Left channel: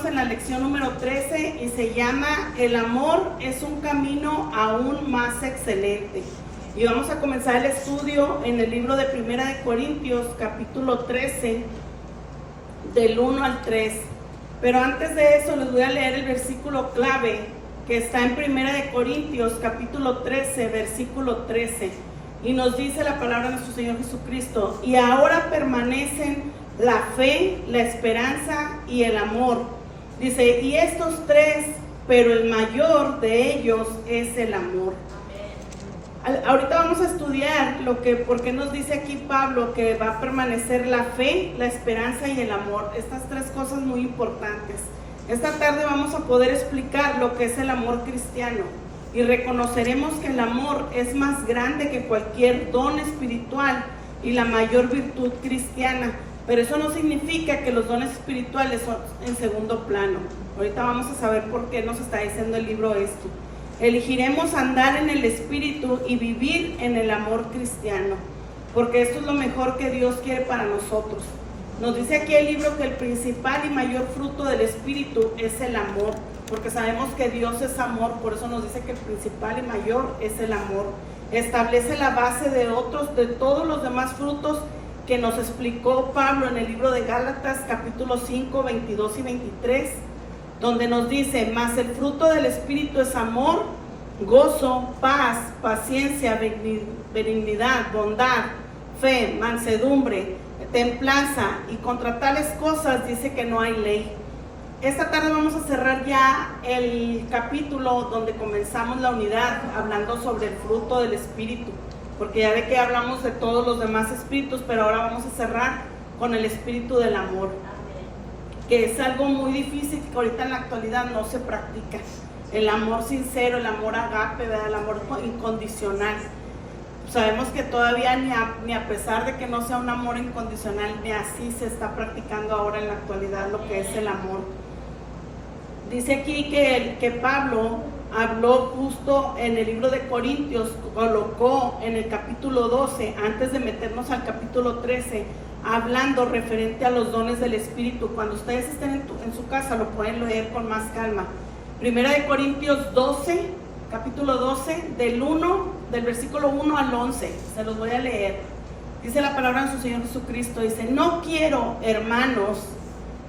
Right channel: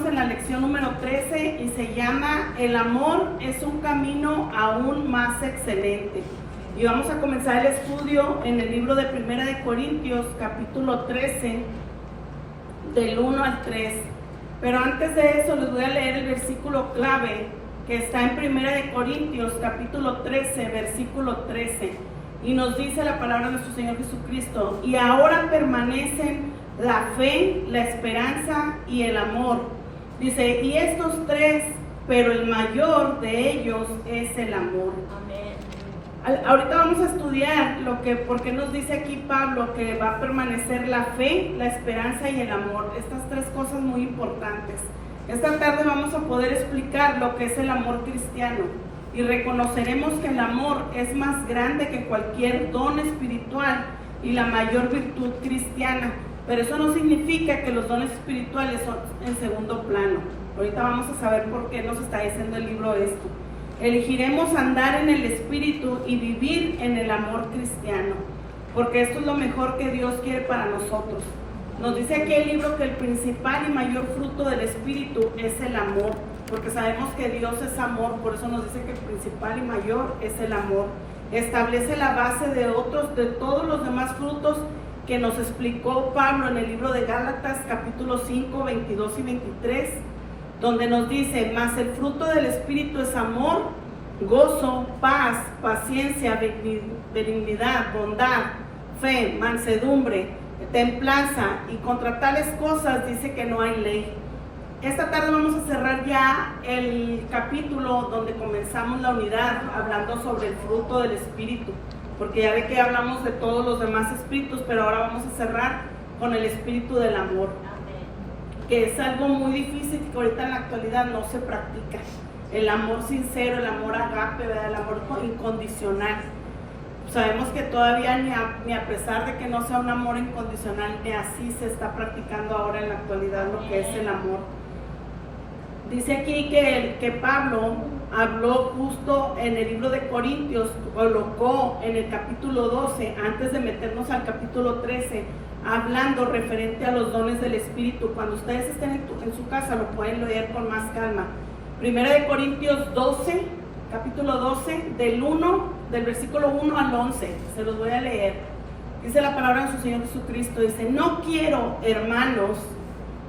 estamos en la lección número 13 y se llama El amor es un camino aún más excelente. Y vamos a comenzar el estudio en el libro de Primera de Corintios, capítulo 13, del 1 al 3. Pero antes de eso les voy a leer el versículo clave que está en Primera de Corintios, capítulo 13, versículo 13. Y nos dice la palabra de nuestro Señor Jesucristo: y ahora permanecen la fe, la esperanza y el amor. Dice, y estos tres, pero el mayor de ellos es el amor. Ahorita vamos a estudiar por qué nos dice aquí Pablo que va a permanecer la fe, la esperanza y el amor. Estas tres cosas muy importantes. Esta tarde vamos a poder explicar lo que es el amor cristiano y reconoceremos que el amor es más grande que cualquier don espiritual y la mayor virtud cristiana. Pero eso no significa que los dones espirituales son en segundo plano. Ahorita vamos a saber por qué nos está diciendo el libro esto. Elegiremos andar en el Espíritu y vivir en el amor cristiano, porque esto es lo mejor que Dios quiere para nosotros. Nos dice aquí el libro que el principal y mayor fruto del Espíritu es el amor, porque sabemos que Dios es amor, por eso nos dice que el principal y mayor es el amor. Establece la base de todos los demás frutos que nos explicó Pablo en el libro de Gálatas, capítulo 5, 22 y 23, donde nos dice, mas el fruto del Espíritu es amor, gozo, paz, paciencia, benignidad, bondad, fe, mansedumbre, templanza, y contra tales cosas dice que no hay ley. Esta tarde vamos a cerrar ya el capítulo donde comenzamos la unidad, hablando sobre el fruto del Espíritu, porque ya ve que hablamos de todos los demás espíritus, pero ahora vamos a cerrar con el espíritu del amor, que es algo muy difícil que ahorita en la actualidad no se practica. El amor sincero, el amor agape, ¿verdad? El amor incondicional. Sabemos que todavía ni a pesar de que no sea un amor incondicional, ni así se está practicando ahora en la actualidad lo que es el amor. Dice aquí que Pablo habló justo en el libro de Corintios, colocó en el capítulo 12, antes de meternos al capítulo 13, hablando referente a los dones del Espíritu. Cuando ustedes estén en su casa lo pueden leer con más calma. Primera de Corintios 12, capítulo 12, del versículo 1 al 11, se los voy a leer. Dice la palabra de su Señor Jesucristo, dice, no quiero, hermanos,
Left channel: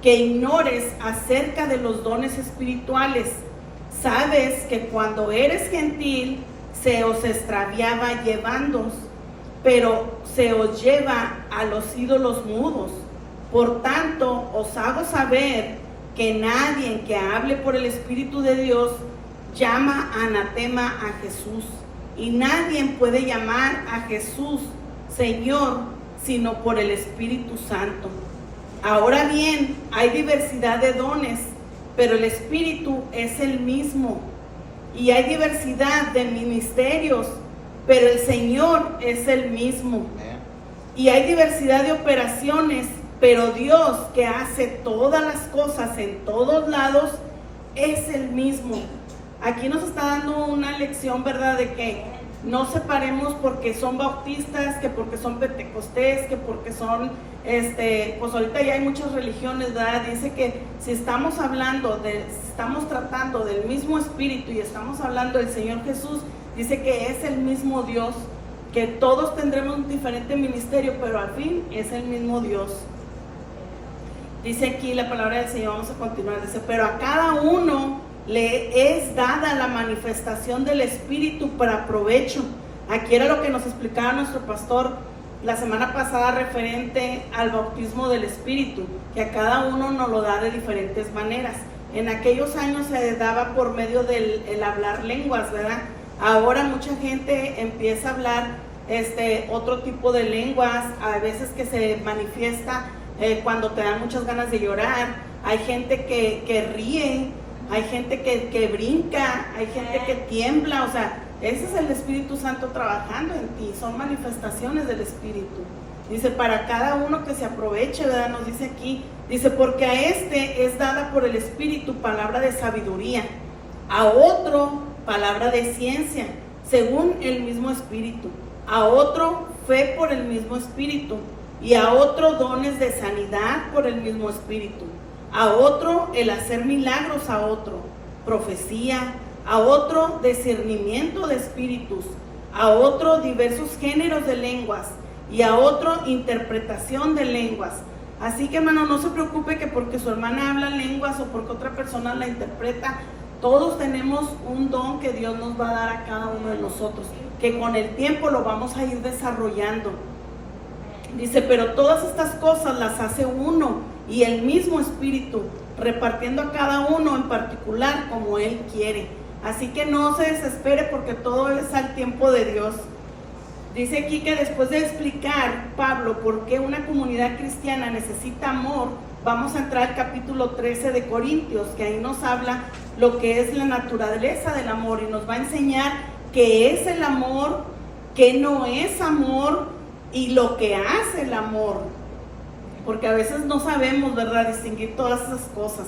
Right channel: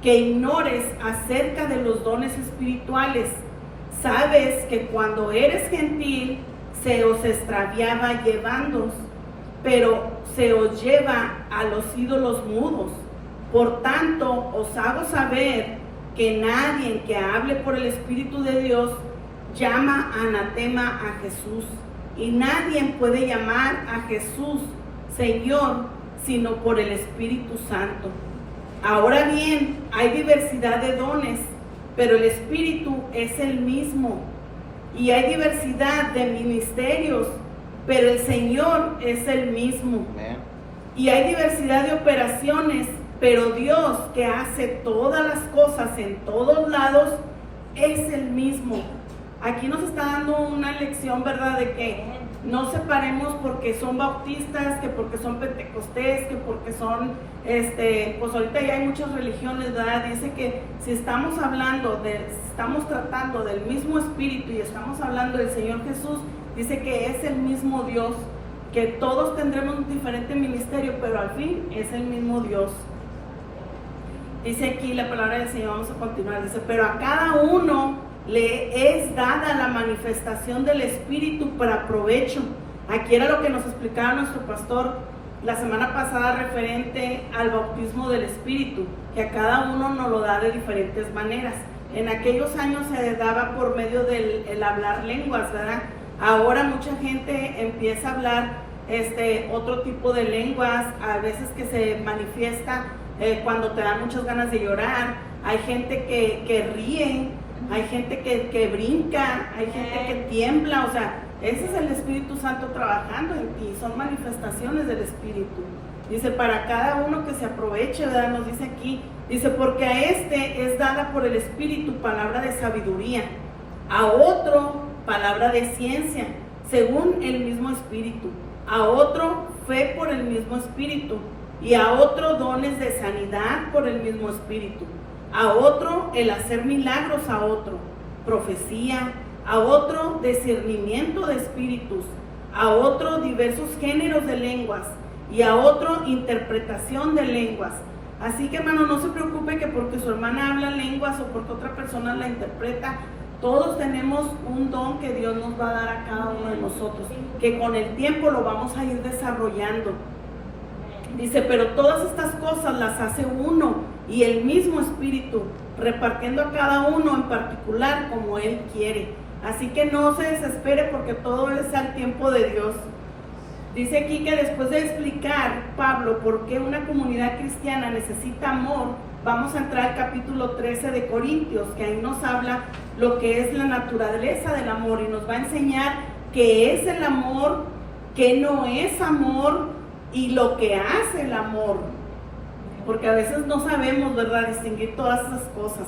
que ignores acerca de los dones espirituales. Sabes que cuando eres gentil se os extraviaba llevándoos, pero se os lleva a los ídolos mudos. Por tanto, os hago saber que nadie que hable por el Espíritu de Dios llama anatema a Jesús, y nadie puede llamar a Jesús Señor sino por el Espíritu Santo. Ahora bien, hay diversidad de dones, pero el Espíritu es el mismo, y hay diversidad de ministerios, pero el Señor es el mismo. Y hay diversidad de operaciones, pero Dios, que hace todas las cosas en todos lados, es el mismo. Aquí nos está dando una lección, ¿verdad? De que no separemos porque son bautistas, que porque son pentecostés, que porque son, pues ahorita ya hay muchas religiones, ¿verdad? Dice que si estamos tratando del mismo Espíritu y estamos hablando del Señor Jesús, dice que es el mismo Dios, que todos tendremos un diferente ministerio, pero al fin es el mismo Dios. Dice aquí la palabra del Señor, vamos a continuar, dice, pero a cada uno le es dada la manifestación del Espíritu para provecho. Aquí era lo que nos explicaba nuestro pastor la semana pasada referente al bautismo del Espíritu, que a cada uno nos lo da de diferentes maneras. En aquellos años se daba por medio del hablar lenguas, ¿verdad? Ahora mucha gente empieza a hablar otro tipo de lenguas, a veces que se manifiesta cuando te dan muchas ganas de llorar. Hay gente que ríe, hay gente que brinca, hay gente que tiembla, o sea, ese es el Espíritu Santo trabajando en ti, son manifestaciones del Espíritu. Dice, para cada uno que se aproveche, ¿verdad? Nos dice aquí, dice, porque a es dada por el Espíritu palabra de sabiduría, a otro palabra de ciencia, según el mismo Espíritu, a otro fe por el mismo Espíritu, y a otro dones de sanidad por el mismo Espíritu, a otro el hacer milagros, a otro profecía, a otro discernimiento de espíritus, a otro diversos géneros de lenguas y a otro interpretación de lenguas. Así que, hermano, no se preocupe que porque su hermana habla lenguas o porque otra persona la interpreta. Todos tenemos un don que Dios nos va a dar a cada uno de nosotros, que con el tiempo lo vamos a ir desarrollando. Dice, pero todas estas cosas las hace uno y el mismo Espíritu, repartiendo a cada uno en particular como Él quiere. Así que no se desespere porque todo es al tiempo de Dios. Dice aquí que después de explicar Pablo por qué una comunidad cristiana necesita amor, vamos a entrar al capítulo 13 de Corintios, que ahí nos habla lo que es la naturaleza del amor y nos va a enseñar qué es el amor, qué no es amor y lo que hace el amor. Porque a veces no sabemos, ¿verdad?, distinguir todas esas cosas.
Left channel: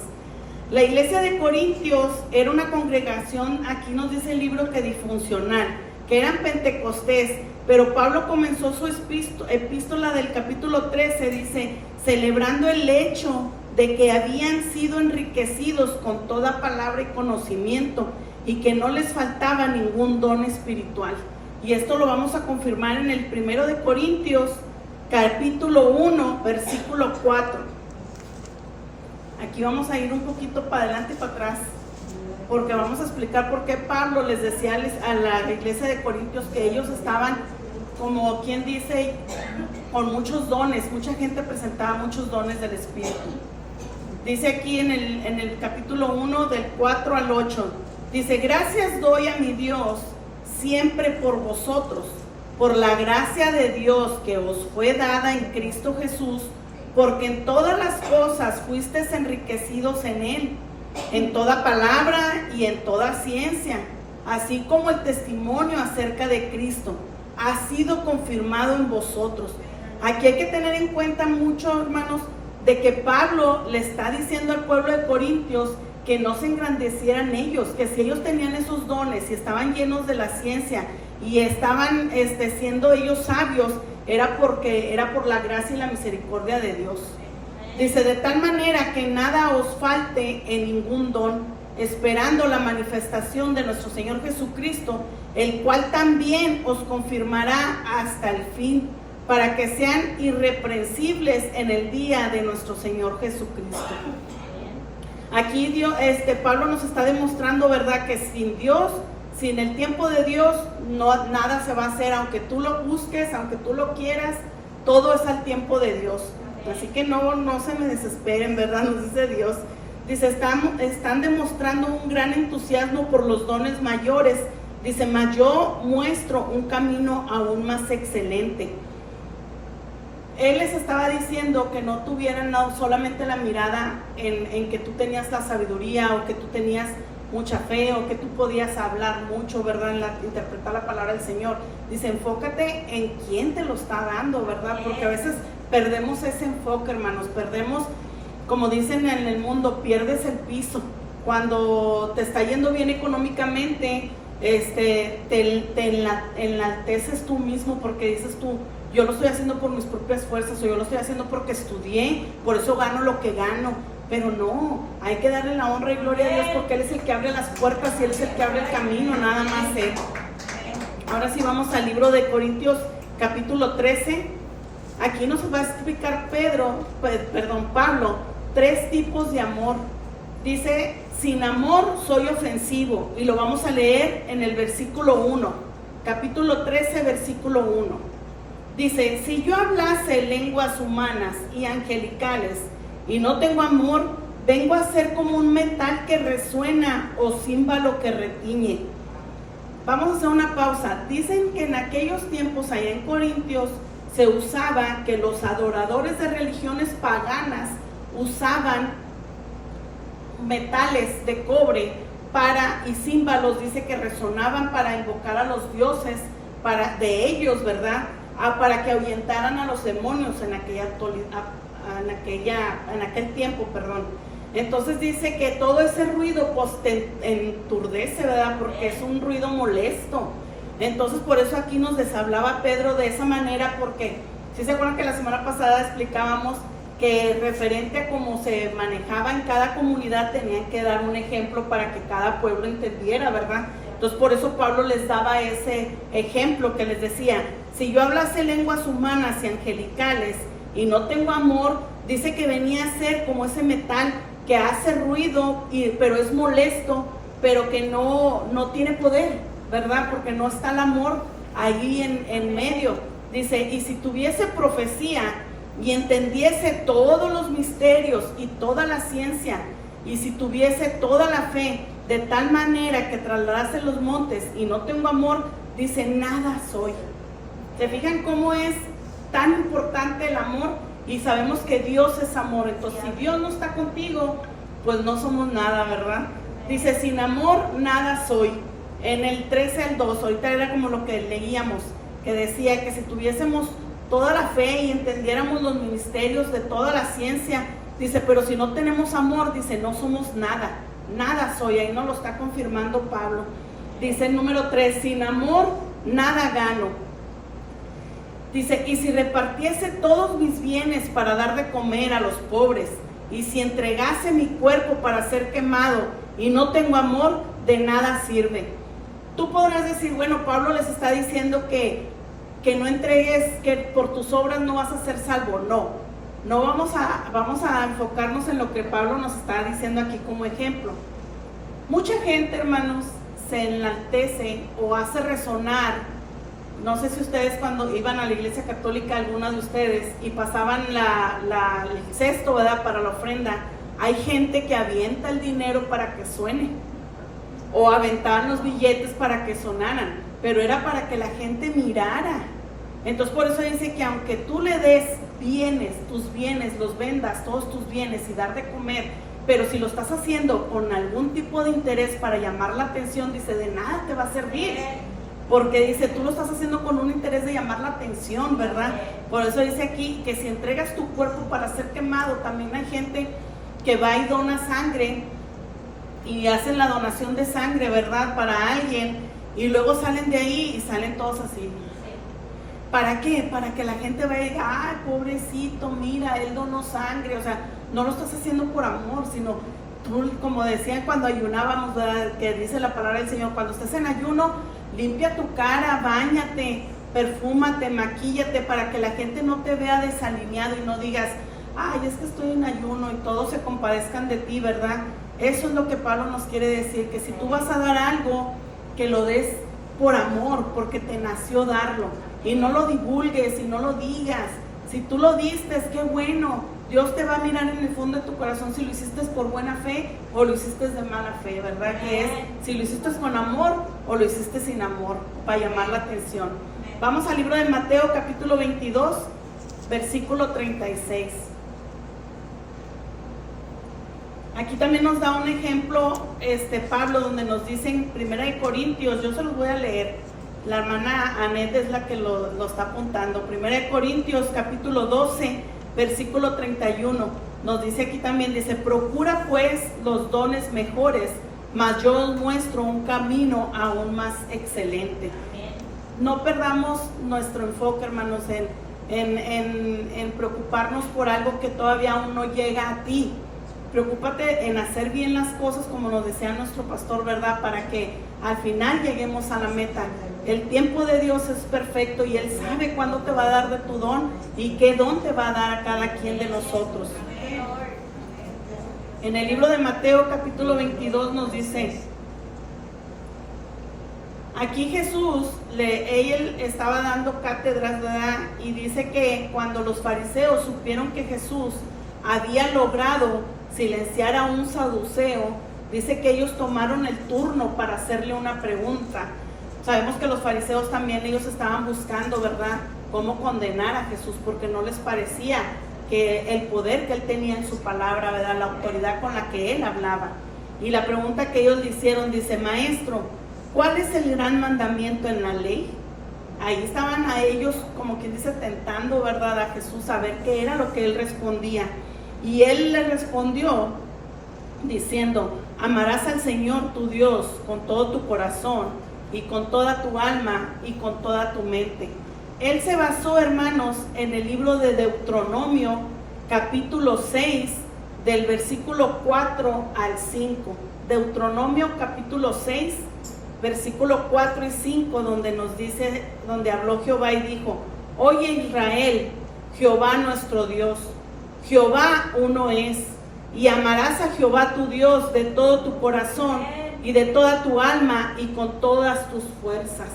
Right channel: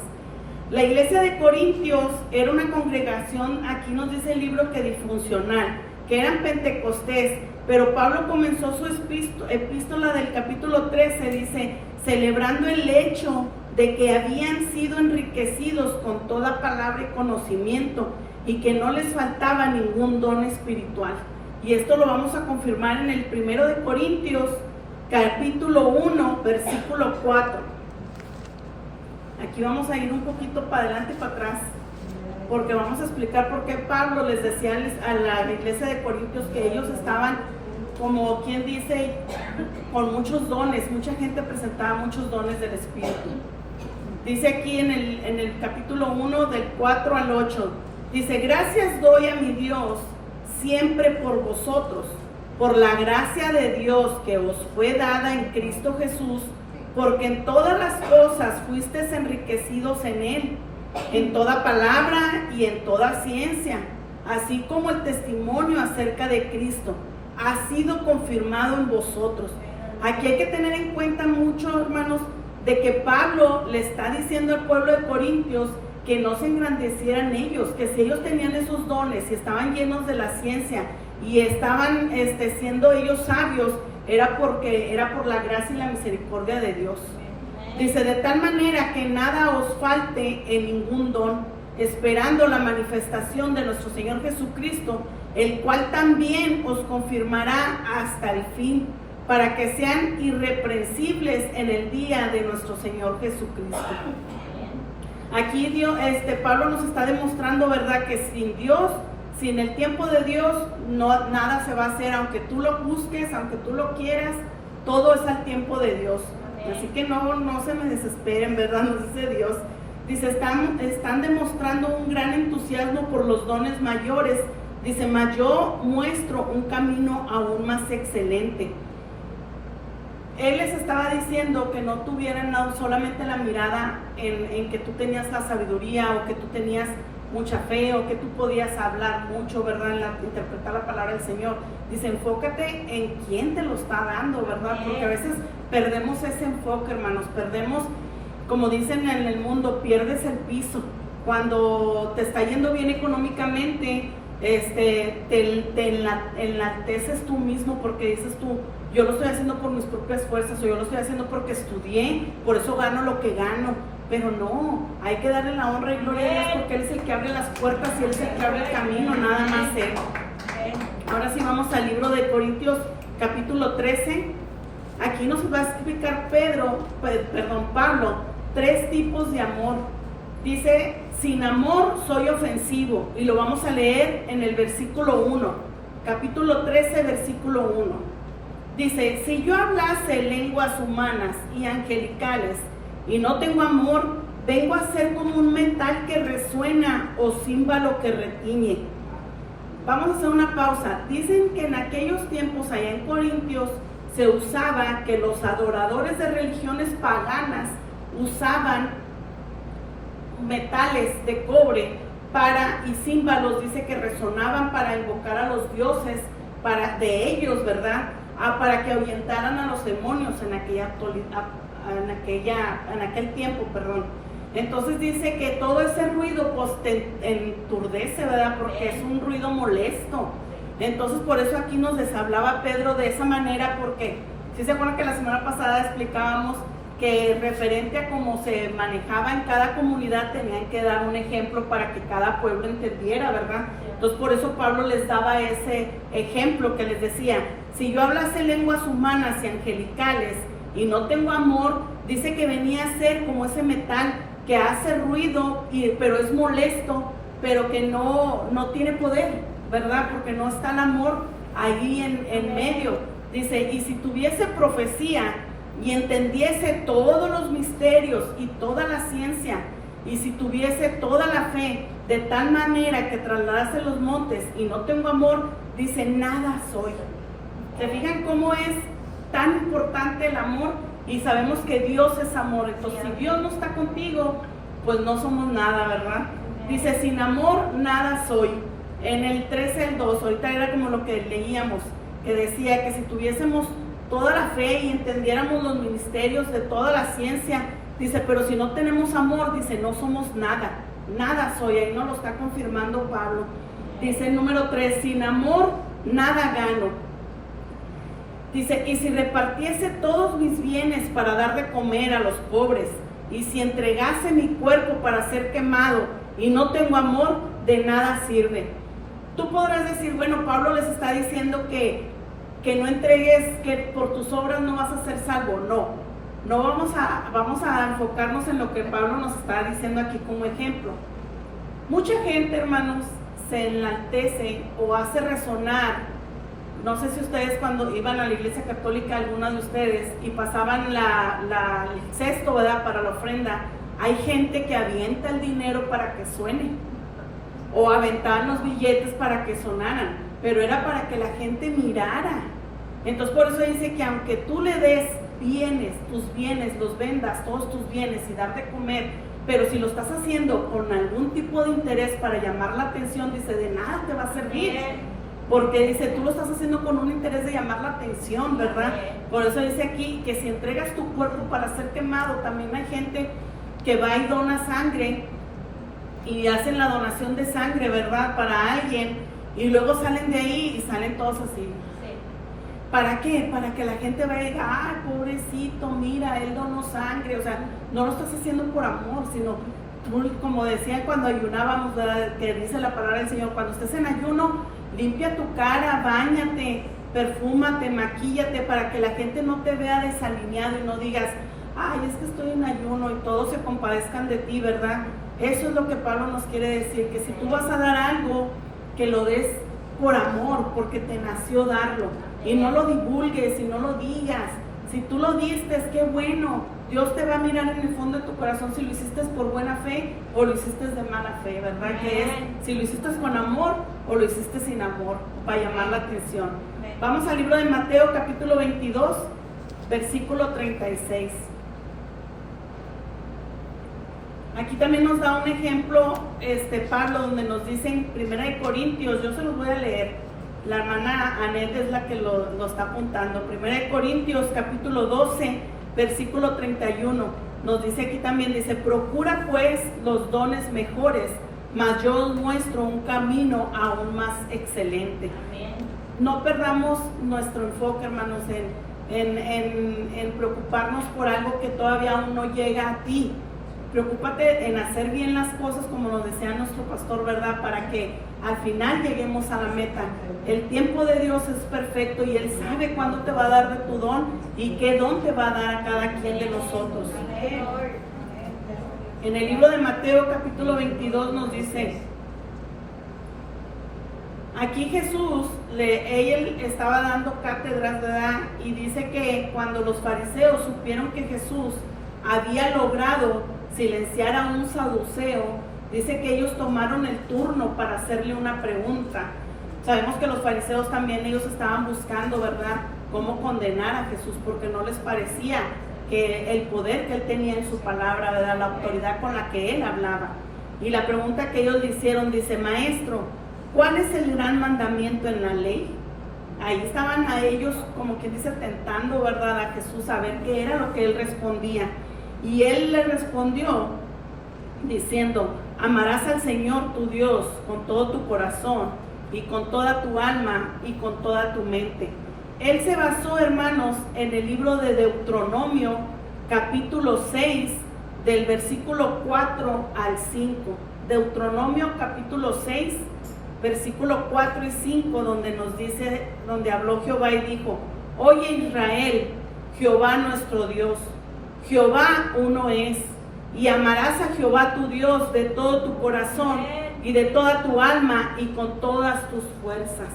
La iglesia de Corintios era una congregación, aquí nos dice el libro que disfuncional, que eran pentecostés, pero Pablo comenzó su epístola del capítulo 13, dice, celebrando el hecho de que habían sido enriquecidos con toda palabra y conocimiento y que no les faltaba ningún don espiritual. Y esto lo vamos a confirmar en el 1 de Corintios, capítulo 1, versículo 4. Aquí vamos a ir un poquito para adelante y para atrás, porque vamos a explicar por qué Pablo les decía a la iglesia de Corintios que ellos estaban, como quien dice, con muchos dones. Mucha gente presentaba muchos dones del Espíritu. Dice aquí en el capítulo 1, del 4 al 8, dice, gracias doy a mi Dios siempre por vosotros, por la gracia de Dios que os fue dada en Cristo Jesús, porque en todas las cosas fuisteis enriquecidos en Él, en toda palabra y en toda ciencia, así como el testimonio acerca de Cristo ha sido confirmado en vosotros. Aquí hay que tener en cuenta mucho, hermanos, de que Pablo le está diciendo al pueblo de Corintios que no se engrandecieran ellos, que si ellos tenían esos dones y estaban llenos de la ciencia y estaban siendo ellos sabios, era por la gracia y la misericordia de Dios. Dice, de tal manera que nada os falte en ningún don, esperando la manifestación de nuestro Señor Jesucristo, el cual también os confirmará hasta el fin, para que sean irreprensibles en el día de nuestro Señor Jesucristo. Aquí Pablo nos está demostrando, ¿verdad?, que sin Dios, sin el tiempo de Dios, nada se va a hacer. Aunque tú lo busques, aunque tú lo quieras, todo es al tiempo de Dios. Así que no se me desesperen, ¿verdad? Nos dice Dios. Dice, están demostrando un gran entusiasmo por los dones mayores. Dice, mas yo muestro un camino aún más excelente. Él les estaba diciendo que no tuvieran solamente la mirada en que tú tenías la sabiduría o que tú tenías mucha fe o que tú podías hablar mucho, ¿verdad?, interpretar la palabra del Señor. Dice, enfócate en quién te lo está dando, ¿verdad? Porque a veces perdemos ese enfoque, hermanos, como dicen en el mundo, pierdes el piso. Cuando te está yendo bien económicamente, te enalteces tú mismo porque dices tú, yo lo estoy haciendo por mis propias fuerzas o yo lo estoy haciendo porque estudié, por eso gano lo que gano. Pero no, hay que darle la honra y gloria a Dios porque Él es el que abre las puertas y Él es el que abre el camino, nada más Él. Ahora sí vamos al libro de Corintios capítulo 13. Aquí nos va a explicar Pablo, 3 tipos de amor. Dice, sin amor soy ofensivo, y lo vamos a leer en el versículo 1, capítulo 13, versículo 1. Dice, si yo hablase lenguas humanas y angelicales y no tengo amor, vengo a ser como un metal que resuena o címbalo que retiñe. Vamos a hacer una pausa. Dicen que en aquellos tiempos allá en Corintios se usaba que los adoradores de religiones paganas usaban metales de cobre y címbalos, dice, que resonaban para invocar a los dioses de ellos, ¿verdad?, para que ahuyentaran a los demonios en aquel tiempo, perdón. Entonces dice que todo ese ruido pues te enturdece, ¿verdad?, porque es un ruido molesto. Entonces por eso aquí nos les hablaba Pedro de esa manera, porque si se acuerdan que la semana pasada explicábamos que referente a cómo se manejaba en cada comunidad tenían que dar un ejemplo para que cada pueblo entendiera, ¿verdad? Entonces por eso Pablo les daba ese ejemplo que les decía, si yo hablase lenguas humanas y angelicales y no tengo amor, dice que venía a ser como ese metal que hace ruido, pero es molesto, pero que no tiene poder, ¿verdad? Porque no está el amor ahí en medio. Dice, y si tuviese profecía y entendiese todos los misterios y toda la ciencia, y si tuviese toda la fe, de tal manera que trasladase los montes y no tengo amor, dice, nada soy. ¿Se fijan cómo es tan importante el amor? Y sabemos que Dios es amor. Entonces, si Dios no está contigo, pues no somos nada, ¿verdad? Dice, sin amor, nada soy. En el 13 al 2, ahorita era como lo que leíamos, que decía que si tuviésemos toda la fe y entendiéramos los ministerios de toda la ciencia, dice, pero si no tenemos amor, dice, no somos nada. Nada soy, ahí nos lo está confirmando Pablo. Dice el número 3, sin amor nada gano. Dice, y si repartiese todos mis bienes para dar de comer a los pobres, y si entregase mi cuerpo para ser quemado, y no tengo amor, de nada sirve. Tú podrás decir, bueno, Pablo les está diciendo que no entregues, que por tus obras no vas a ser salvo. No vamos a enfocarnos en lo que Pablo nos está diciendo aquí como ejemplo. Mucha gente, hermanos, se enaltece o hace resonar. No sé si ustedes cuando iban a la iglesia católica, algunas de ustedes, y pasaban el cesto, ¿verdad?, para la ofrenda, hay gente que avienta el dinero para que suene, o aventaban los billetes para que sonaran, pero era para que la gente mirara. Entonces por eso dice que aunque tú le des tus bienes, los vendas, todos tus bienes y dar de comer, pero si lo estás haciendo con algún tipo de interés para llamar la atención, dice, de nada te va a servir, porque dice, tú lo estás haciendo con un interés de llamar la atención, ¿verdad? Por eso dice aquí que si entregas tu cuerpo para ser quemado, también hay gente que va y dona sangre y hacen la donación de sangre, ¿verdad?, para alguien, y luego salen de ahí y salen todos así. ¿Para qué? Para que la gente vaya y diga, ay, pobrecito, mira, él donó sangre. O sea, no lo estás haciendo por amor, sino tú, como decían cuando ayunábamos, ¿verdad?, que dice la palabra del Señor, cuando estés en ayuno, limpia tu cara, báñate, perfúmate, maquíllate, para que la gente no te vea desalineado y no digas, ay, es que estoy en ayuno, y todos se compadezcan de ti, ¿verdad? Eso es lo que Pablo nos quiere decir, que si tú vas a dar algo, que lo des por amor, porque te nació darlo. Y no lo divulgues y no lo digas. Si tú lo diste, qué bueno. Dios te va a mirar en el fondo de tu corazón si lo hiciste por buena fe o lo hiciste de mala fe, ¿verdad? Que es si lo hiciste con amor o lo hiciste sin amor, para llamar la atención. Vamos al libro de Mateo, capítulo 22, versículo 36. Aquí también nos da un ejemplo Pablo, donde nos dice en 1 Corintios, yo se los voy a leer. La hermana Anet es la que lo está apuntando. 1 Corintios capítulo 12, versículo 31. Nos dice aquí también, dice, procura pues los dones mejores, mas yo os muestro un camino aún más excelente. No perdamos nuestro enfoque, hermanos, en preocuparnos por algo que todavía aún no llega a ti. Preocúpate en hacer bien las cosas como nos desea nuestro pastor, ¿verdad? Para que al final lleguemos a la meta. El tiempo de Dios es perfecto y Él sabe cuándo te va a dar de tu don y qué don te va a dar a cada quien de nosotros. En el libro de Mateo capítulo 22 nos dice, aquí Jesús, él estaba dando cátedras, ¿verdad? Y dice que cuando los fariseos supieron que Jesús había logrado silenciar a un saduceo, dice que ellos tomaron el turno para hacerle una pregunta. Sabemos que los fariseos también, ellos estaban buscando, ¿verdad?, cómo condenar a Jesús, porque no les parecía que el poder que Él tenía en su palabra, ¿verdad?, la autoridad con la que Él hablaba. Y la pregunta que ellos le hicieron, dice, maestro, ¿cuál es el gran mandamiento en la ley? Ahí estaban a ellos, como quien dice, tentando, ¿verdad?, a Jesús, a ver qué era lo que Él respondía. Y Él le respondió diciendo, amarás al Señor tu Dios con todo tu corazón y con toda tu alma y con toda tu mente. Él se basó, hermanos, en el libro de Deuteronomio, capítulo 6, del versículo 4 al 5. Deuteronomio capítulo 6, versículo 4 y 5, donde nos dice, donde habló Jehová y dijo: Oye Israel, Jehová nuestro Dios, Jehová uno es, y amarás a Jehová tu Dios de todo tu corazón y de toda tu alma y con todas tus fuerzas.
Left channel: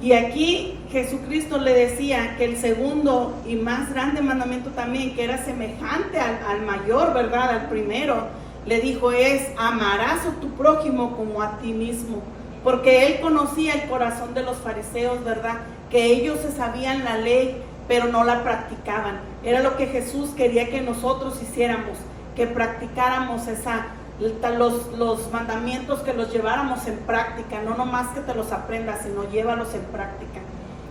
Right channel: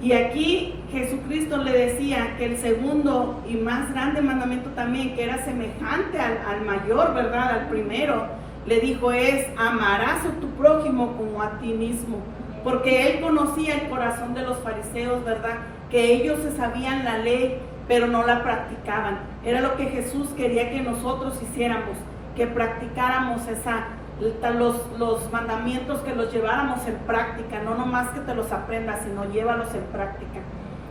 Y aquí Jesucristo le decía que el segundo y más grande mandamiento también, que era semejante al mayor, ¿verdad? Al primero, le dijo es: amarás a tu prójimo como a ti mismo. Porque él conocía el corazón de los fariseos, ¿verdad? Que ellos se sabían la ley, pero no la practicaban. Era lo que Jesús quería que nosotros hiciéramos, que practicáramos los mandamientos, que los lleváramos en práctica, no nomás que te los aprendas, sino llévalos en práctica.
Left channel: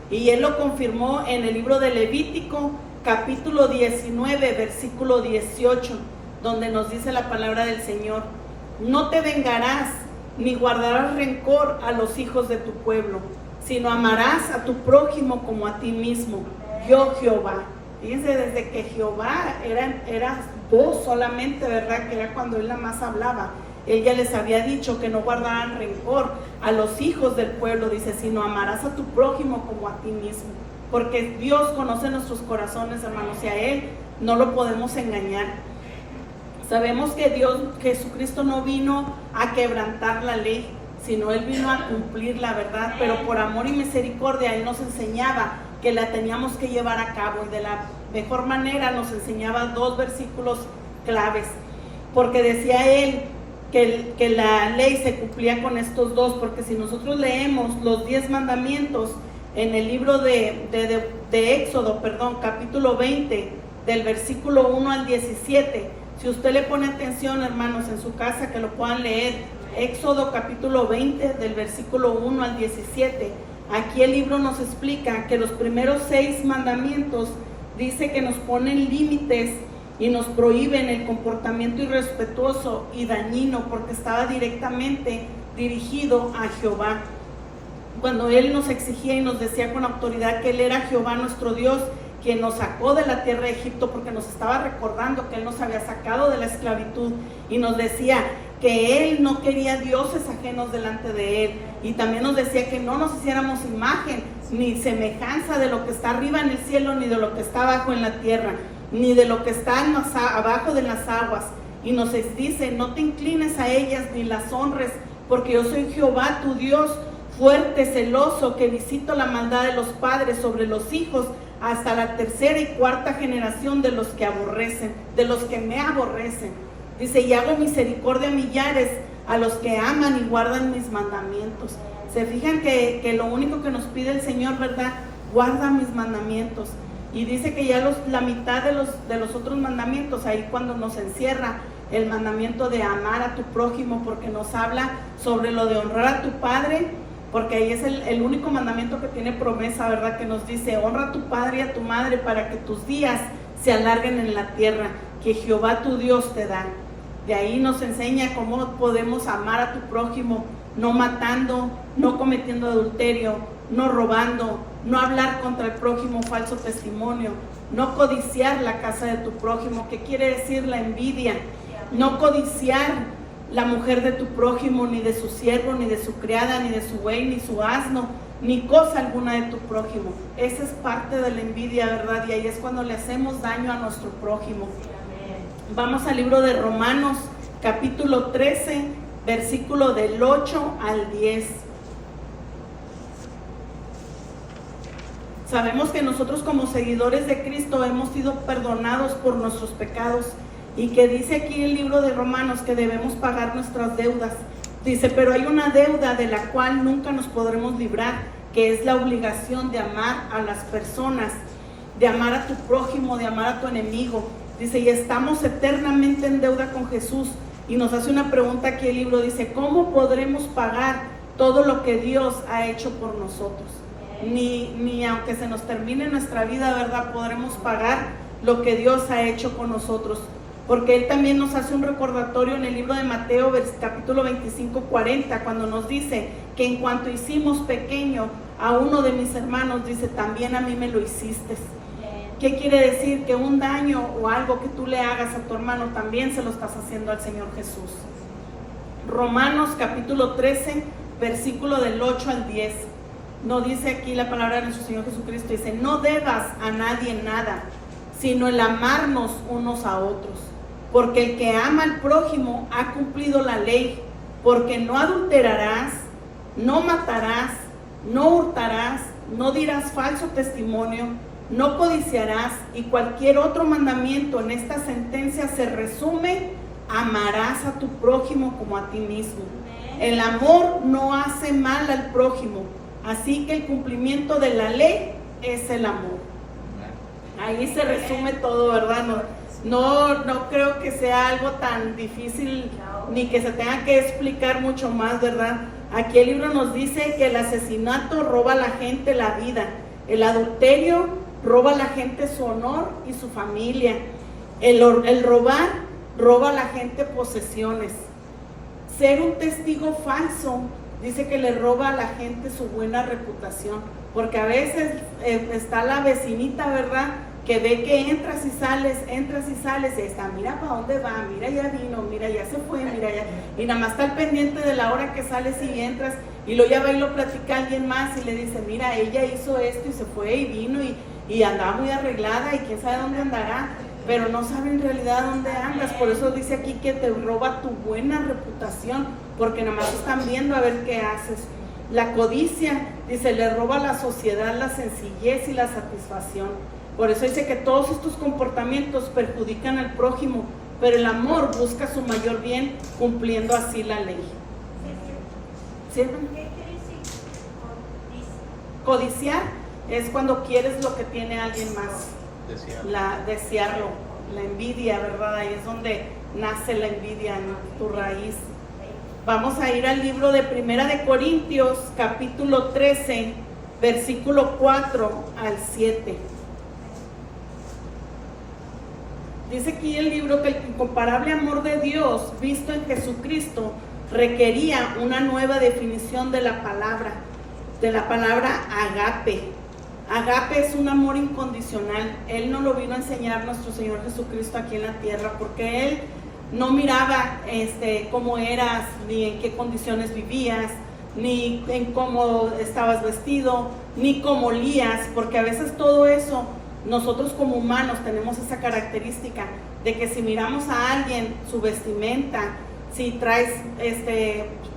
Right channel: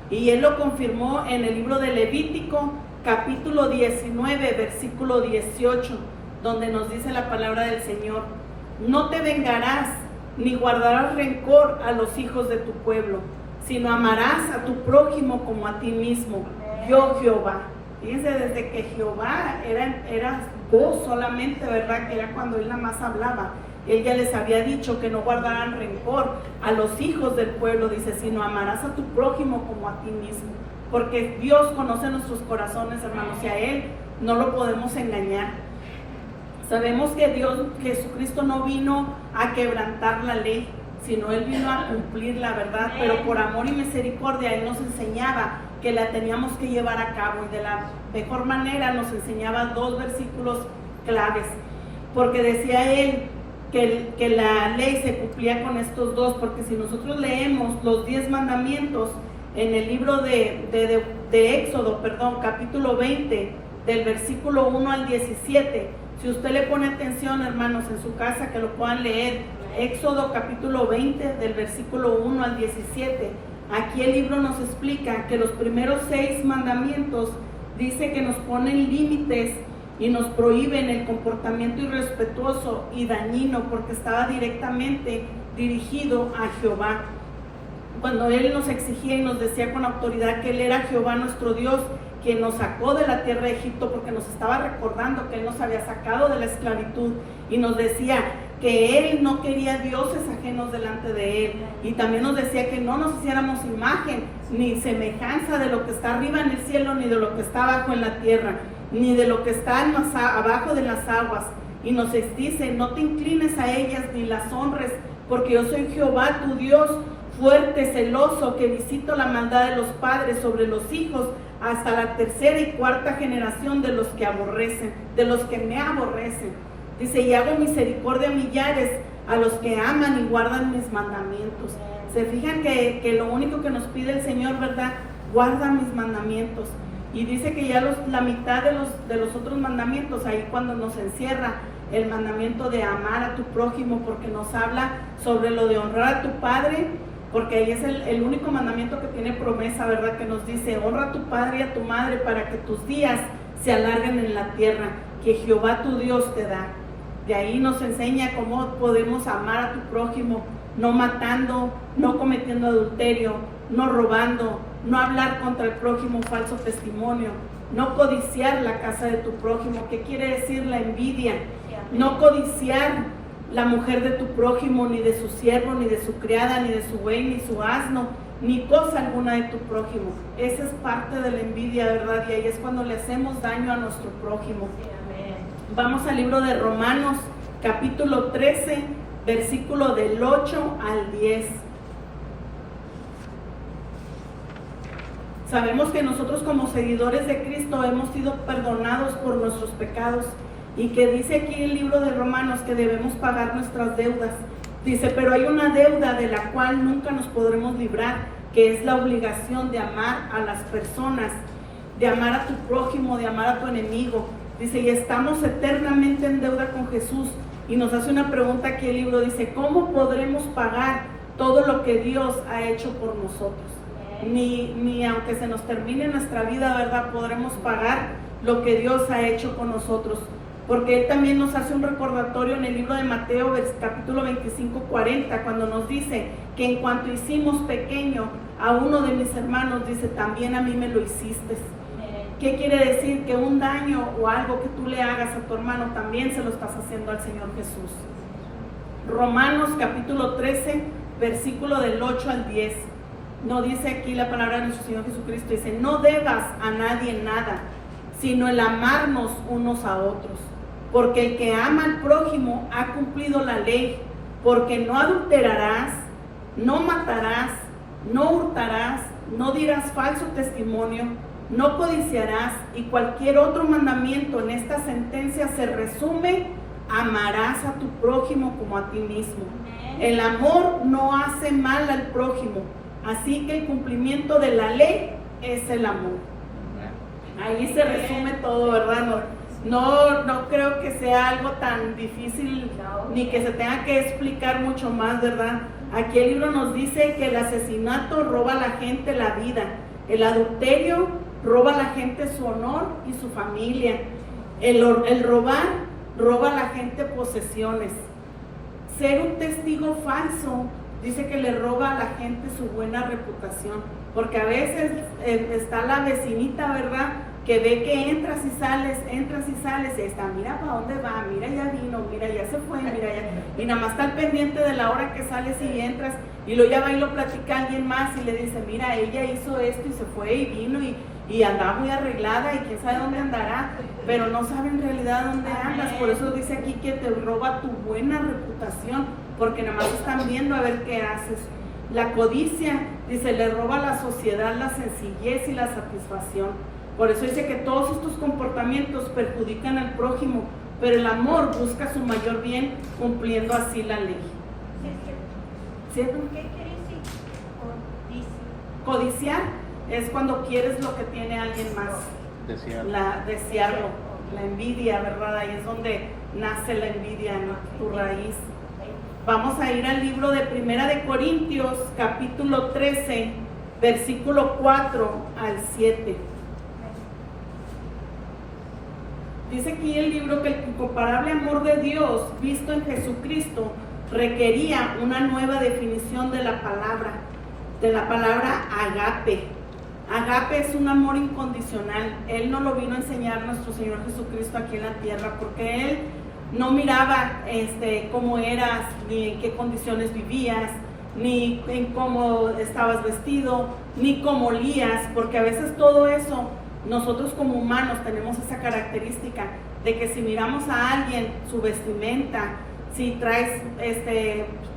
Y él lo confirmó en el libro de Levítico, capítulo 19, versículo 18, donde nos dice la palabra del Señor: no te vengarás ni guardarás rencor a los hijos de tu pueblo, sino amarás a tu prójimo como a ti mismo, yo Jehová. Fíjense, desde que Jehová era voz solamente, ¿verdad? Que era cuando él nada más hablaba. Él ya les había dicho que no guardaran rencor a los hijos del pueblo, dice, sino amarás a tu prójimo como a ti mismo. Porque Dios conoce nuestros corazones, hermanos, y a Él no lo podemos engañar. Sabemos que Jesucristo no vino a quebrantar la ley, sino Él vino a cumplir la verdad, pero por amor y misericordia Él nos enseñaba que la teníamos que llevar a cabo, y de la mejor manera nos enseñaba 2 versículos claves, porque decía Él que la ley se cumplía con estos 2, porque si nosotros leemos los 10 mandamientos en el libro de Éxodo, capítulo 20, del versículo 1 al 17, si usted le pone atención, hermanos, en su casa, que lo puedan leer, Éxodo capítulo 20, del versículo 1 al 17, aquí el libro nos explica que los primeros 6 mandamientos dice que nos ponen límites y nos prohíben el comportamiento irrespetuoso y dañino, porque estaba directamente dirigido a Jehová. Cuando Él nos exigía y nos decía con autoridad que Él era Jehová nuestro Dios, quien nos sacó de la tierra de Egipto, porque nos estaba recordando que Él nos había sacado de la esclavitud, y nos decía que Él no quería dioses ajenos delante de Él, y también nos decía que no nos hiciéramos imagen ni semejanza de lo que está arriba en el cielo, ni de lo que está abajo en la tierra, ni de lo que está abajo de las aguas. Y nos dice: no te inclines a ellas ni las honres, porque yo soy Jehová tu Dios, fuerte, celoso, que visito la maldad de los padres sobre los hijos hasta la 3ª y 4ª generación de los que aborrecen, de los que me aborrecen. Dice: y hago misericordia a millares, a los que aman y guardan mis mandamientos. Se fijan que lo único que nos pide el Señor, ¿verdad? Guarda mis mandamientos. Y dice que ya la mitad de los otros mandamientos, ahí cuando nos encierra el mandamiento de amar a tu prójimo, porque nos habla sobre lo de honrar a tu padre, porque ahí es el único mandamiento que tiene promesa, ¿verdad? Que nos dice: honra a tu padre y a tu madre para que tus días se alarguen en la tierra que Jehová tu Dios te da. De ahí nos enseña cómo podemos amar a tu prójimo, no matando, no cometiendo adulterio, no robando, no hablar contra el prójimo falso testimonio, no codiciar la casa de tu prójimo. ¿Qué quiere decir la envidia? No codiciar la mujer de tu prójimo, ni de su siervo, ni de su criada, ni de su buey, ni su asno, ni cosa alguna de tu prójimo. Esa es parte de la envidia, ¿verdad? Y ahí es cuando le hacemos daño a nuestro prójimo. Vamos al libro de Romanos, capítulo 13, versículo del 8 al 10. Sabemos que nosotros como seguidores de Cristo hemos sido perdonados por nuestros pecados, y que dice aquí el libro de Romanos que debemos pagar nuestras deudas. Dice: pero hay una deuda de la cual nunca nos podremos librar, que es la obligación de amar a las personas, de amar a tu prójimo, de amar a tu enemigo. Dice: y estamos eternamente en deuda con Jesús. Y nos hace una pregunta aquí el libro, dice: ¿cómo podremos pagar todo lo que Dios ha hecho por nosotros? Ni aunque se nos termine nuestra vida, ¿verdad?, podremos pagar lo que Dios ha hecho con nosotros. Porque Él también nos hace un recordatorio en el libro de Mateo, capítulo 25, 40, cuando nos dice que en cuanto hicimos pequeño a uno de mis hermanos, dice, también a mí me lo hiciste. ¿Qué quiere decir? Que un daño o algo que tú le hagas a tu hermano también se lo estás haciendo al Señor Jesús. Romanos capítulo 13, versículo del 8 al 10. No dice aquí la palabra de nuestro Señor Jesucristo, dice: no debas a nadie nada, sino el amarnos unos a otros. Porque el que ama al prójimo ha cumplido la ley, porque no adulterarás, no matarás, no hurtarás, no dirás falso testimonio, no codiciarás, y cualquier otro mandamiento en esta sentencia se resume: amarás a tu prójimo como a ti mismo. El amor no hace mal al prójimo, así que el cumplimiento de la ley es el amor. Ahí se resume todo, ¿verdad? No creo que sea algo tan difícil ni que se tenga que explicar mucho más, ¿verdad? Aquí el libro nos dice que el asesinato roba a la gente la vida, el adulterio roba a la gente su honor y su familia, el robar roba a la gente posesiones, ser un testigo falso dice que le roba a la gente su buena reputación, porque a veces está la vecinita, ¿verdad?, que ve que entras y sales, y está: mira para dónde va, mira ya vino, mira ya se fue, mira ya, y nada más está al pendiente de la hora que sales y entras, y luego ya va y lo platica a alguien más y le dice: mira, ella hizo esto y se fue y vino y andaba muy arreglada y quién sabe dónde andará, pero no sabe en realidad dónde andas. Por eso dice aquí que te roba tu buena reputación, porque nada más están viendo a ver qué haces. La codicia, dice, le roba a la sociedad la sencillez y la satisfacción. Por eso dice que todos estos comportamientos perjudican al prójimo, pero el amor busca su mayor bien, cumpliendo así la ley. ¿Sí? ¿Qué quiere decir? Codiciar es cuando quieres lo que tiene alguien más. Desearlo, la envidia, ¿verdad? Ahí es donde nace la envidia, ¿no? Tu raíz. Vamos a ir al libro de Primera de Corintios, capítulo 13, versículo 4 al 7. Dice aquí el libro que el incomparable amor de Dios visto en Jesucristo requería una nueva definición de la palabra agape. Agape es un amor incondicional. Él no lo vino a enseñar nuestro Señor Jesucristo aquí en la tierra, porque Él no miraba cómo eras, ni en qué condiciones vivías, ni en cómo estabas vestido, ni cómo olías, porque a veces todo eso, nosotros como humanos tenemos esa característica de que si miramos a alguien, su vestimenta, si traes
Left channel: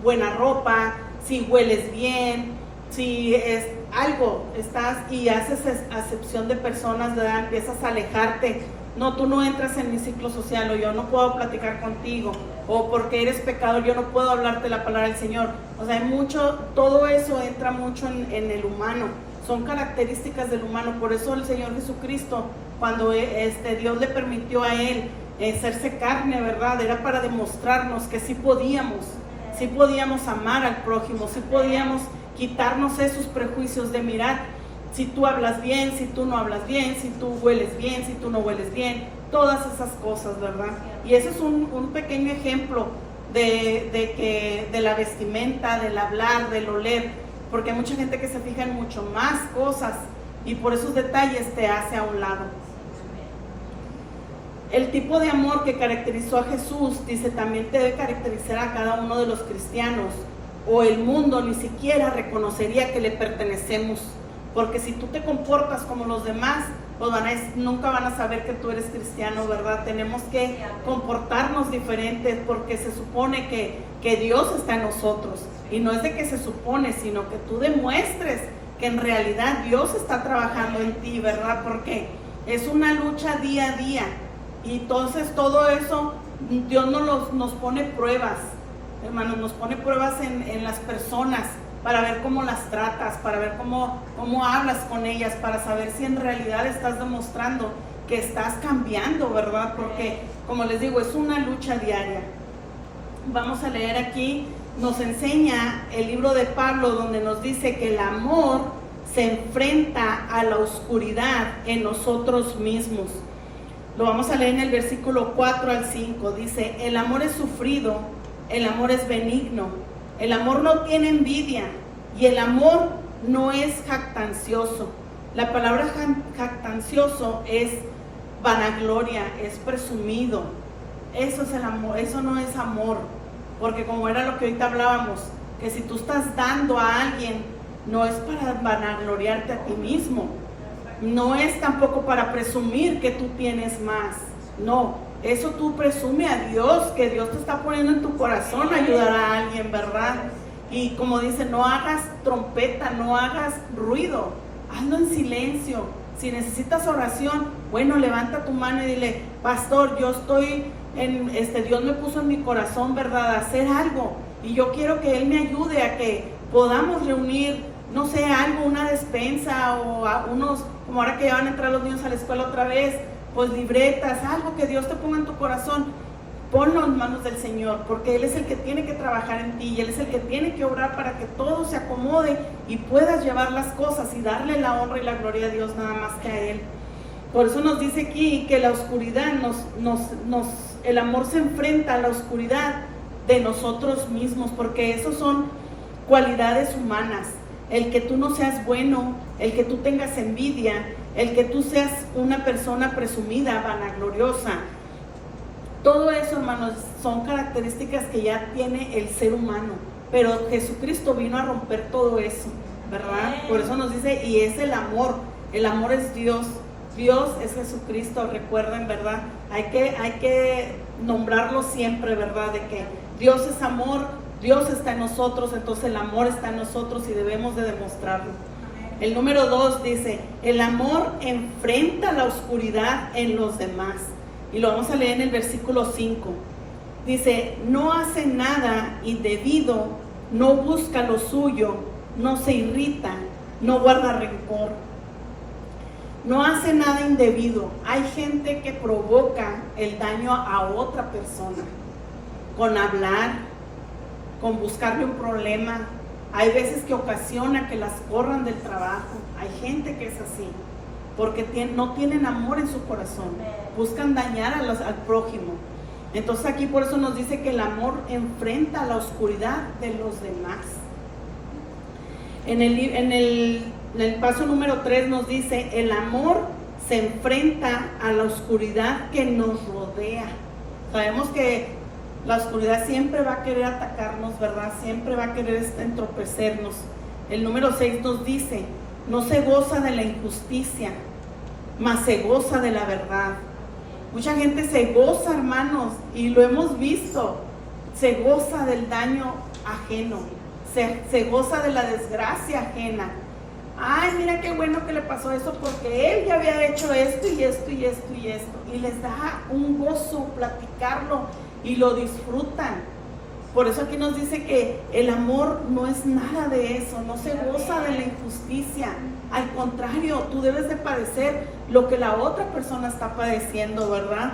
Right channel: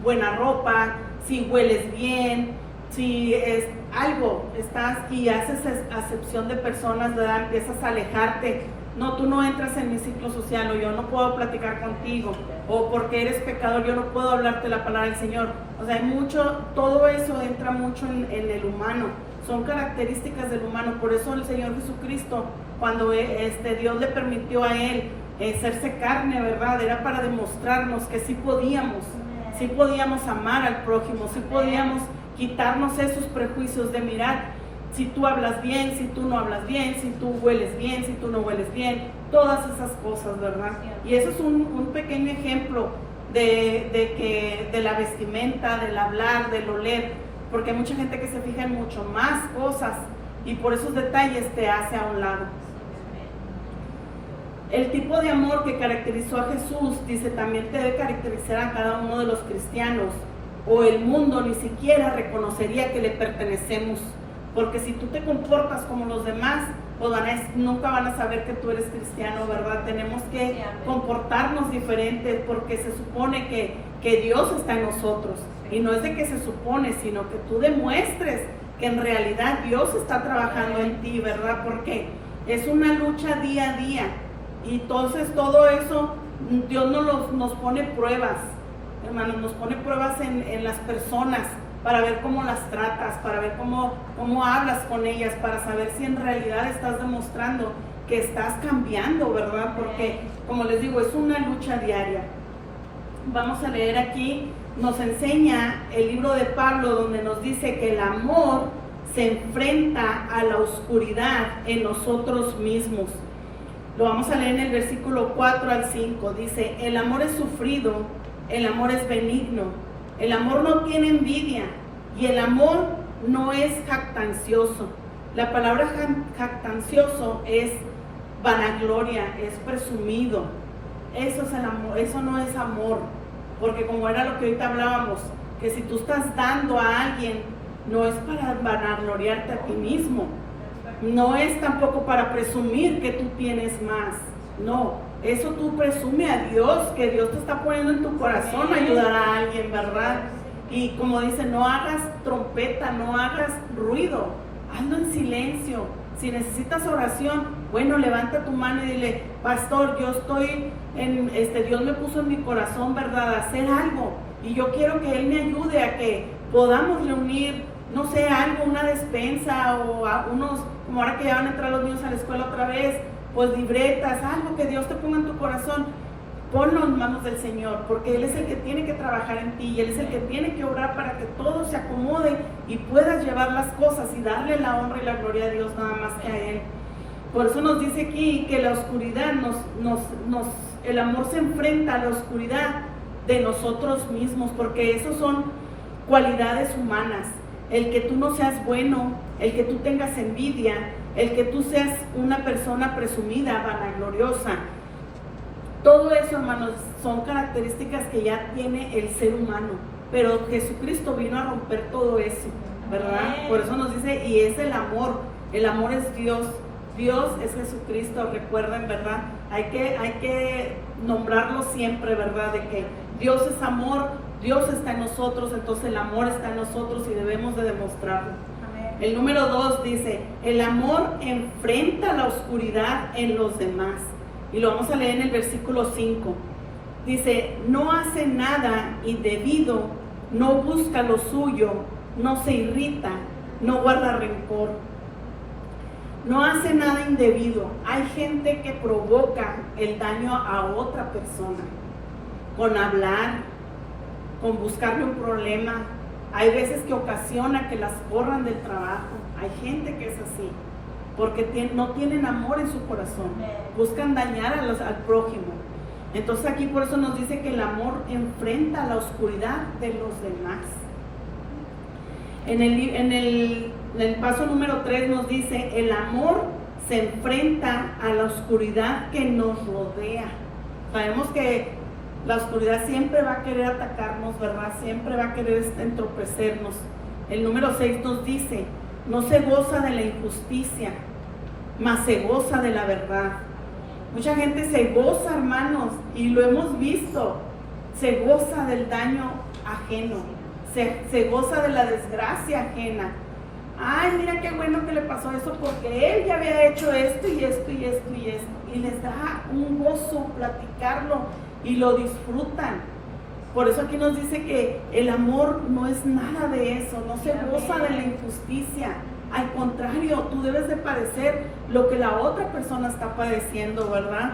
buena ropa, si hueles bien, si es algo, estás y haces acepción de personas, ¿verdad? Empiezas a alejarte. No, tú no entras en mi ciclo social, o yo no puedo platicar contigo, o porque eres pecador yo no puedo hablarte la palabra del Señor. O sea, hay mucho, todo eso entra mucho en el humano, son características del humano. Por eso el Señor Jesucristo, cuando Dios le permitió a Él hacerse carne, ¿verdad?, era para demostrarnos que sí podíamos amar al prójimo, sí podíamos quitarnos esos prejuicios de mirar si tú hablas bien, si tú no hablas bien, si tú hueles bien, si tú no hueles bien, todas esas cosas, ¿verdad? Y eso es un pequeño ejemplo de la vestimenta, del hablar, del oler, porque hay mucha gente que se fija en mucho más cosas y por esos detalles te hace a un lado. El tipo de amor que caracterizó a Jesús, dice, también debe caracterizar a cada uno de los cristianos, o el mundo ni siquiera reconocería que le pertenecemos. Porque si tú te comportas como los demás, pues nunca van a saber que tú eres cristiano, ¿verdad? Tenemos que comportarnos diferentes, porque se supone que Dios está en nosotros. Y no es de que se supone, sino que tú demuestres que en realidad Dios está trabajando en ti, ¿verdad? Porque es una lucha día a día. Y entonces todo eso, Dios nos pone pruebas, hermanos, nos pone pruebas en las personas, para ver cómo las tratas, para ver cómo hablas con ellas, para saber si en realidad estás demostrando que estás cambiando, ¿verdad? Porque, como les digo, es una lucha diaria. Vamos a leer aquí, nos enseña el libro de Pablo, donde nos dice que el amor se enfrenta a la oscuridad en nosotros mismos. Lo vamos a leer en el versículo 4 al 5, dice: el amor es sufrido, el amor es benigno, el amor no tiene envidia y el amor no es jactancioso. La palabra jactancioso es vanagloria, es presumido. Eso es el amor, eso no es amor, porque como era lo que ahorita hablábamos, que si tú estás dando a alguien, no es para vanagloriarte a ti mismo, no es tampoco para presumir que tú tienes más, no, eso tú presume a Dios, que Dios te está poniendo en tu corazón ayudar a alguien, ¿verdad? Y como dice, no hagas trompeta, no hagas ruido, hazlo en silencio. Si necesitas oración, bueno, levanta tu mano y dile, pastor, yo estoy Dios me puso en mi corazón, ¿verdad?, hacer algo, y yo quiero que Él me ayude a que podamos reunir, no sé, algo, una despensa, o a unos, como ahora que ya van a entrar los niños a la escuela otra vez, pues libretas, algo que Dios te ponga en tu corazón. Ponlo en manos del Señor, porque Él es el que tiene que trabajar en ti, y Él es el que tiene que obrar para que todo se acomode y puedas llevar las cosas y darle la honra y la gloria a Dios nada más que a Él. Por eso nos dice aquí que la oscuridad el amor se enfrenta a la oscuridad de nosotros mismos, porque esos son cualidades humanas. El que tú no seas bueno, el que tú tengas envidia, el que tú seas una persona presumida, vanagloriosa. Todo eso, hermanos, son características que ya tiene el ser humano, pero Jesucristo vino a romper todo eso, ¿verdad? Por eso nos dice, y es el amor es Dios, Dios es Jesucristo, recuerden, ¿verdad? Hay que nombrarlo siempre, ¿verdad? De que Dios es amor, Dios está en nosotros, entonces el amor está en nosotros y debemos de demostrarlo. El número 2 dice, el amor enfrenta la oscuridad en los demás. Y lo vamos a leer en el versículo 5. Dice, no hace nada indebido, no busca lo suyo, no se irrita, no guarda rencor. No hace nada indebido. Hay gente que provoca el daño a otra persona con hablar, con buscarle un problema. Hay veces que ocasiona que las corran del trabajo. Hay gente que es así, porque no tienen amor en su corazón, buscan dañar al prójimo. Entonces aquí por eso nos dice que el amor enfrenta la oscuridad de los demás. En el paso número 3 nos dice, el amor se enfrenta a la oscuridad que nos rodea. Sabemos que la oscuridad siempre va a querer atacarnos, ¿verdad? Siempre va a querer entorpecernos. El número 6 nos dice, no se goza de la injusticia, mas se goza de la verdad. Mucha gente se goza, hermanos, y lo hemos visto, se goza del daño ajeno, se goza de la desgracia ajena. Ay, mira qué bueno que le pasó eso, porque él ya había hecho esto y esto y esto y esto, y les da un gozo platicarlo y lo disfrutan. Por eso aquí nos dice que el amor no es nada de eso, no se goza de la injusticia. Al contrario, tú debes de padecer lo que la otra persona está padeciendo, ¿verdad?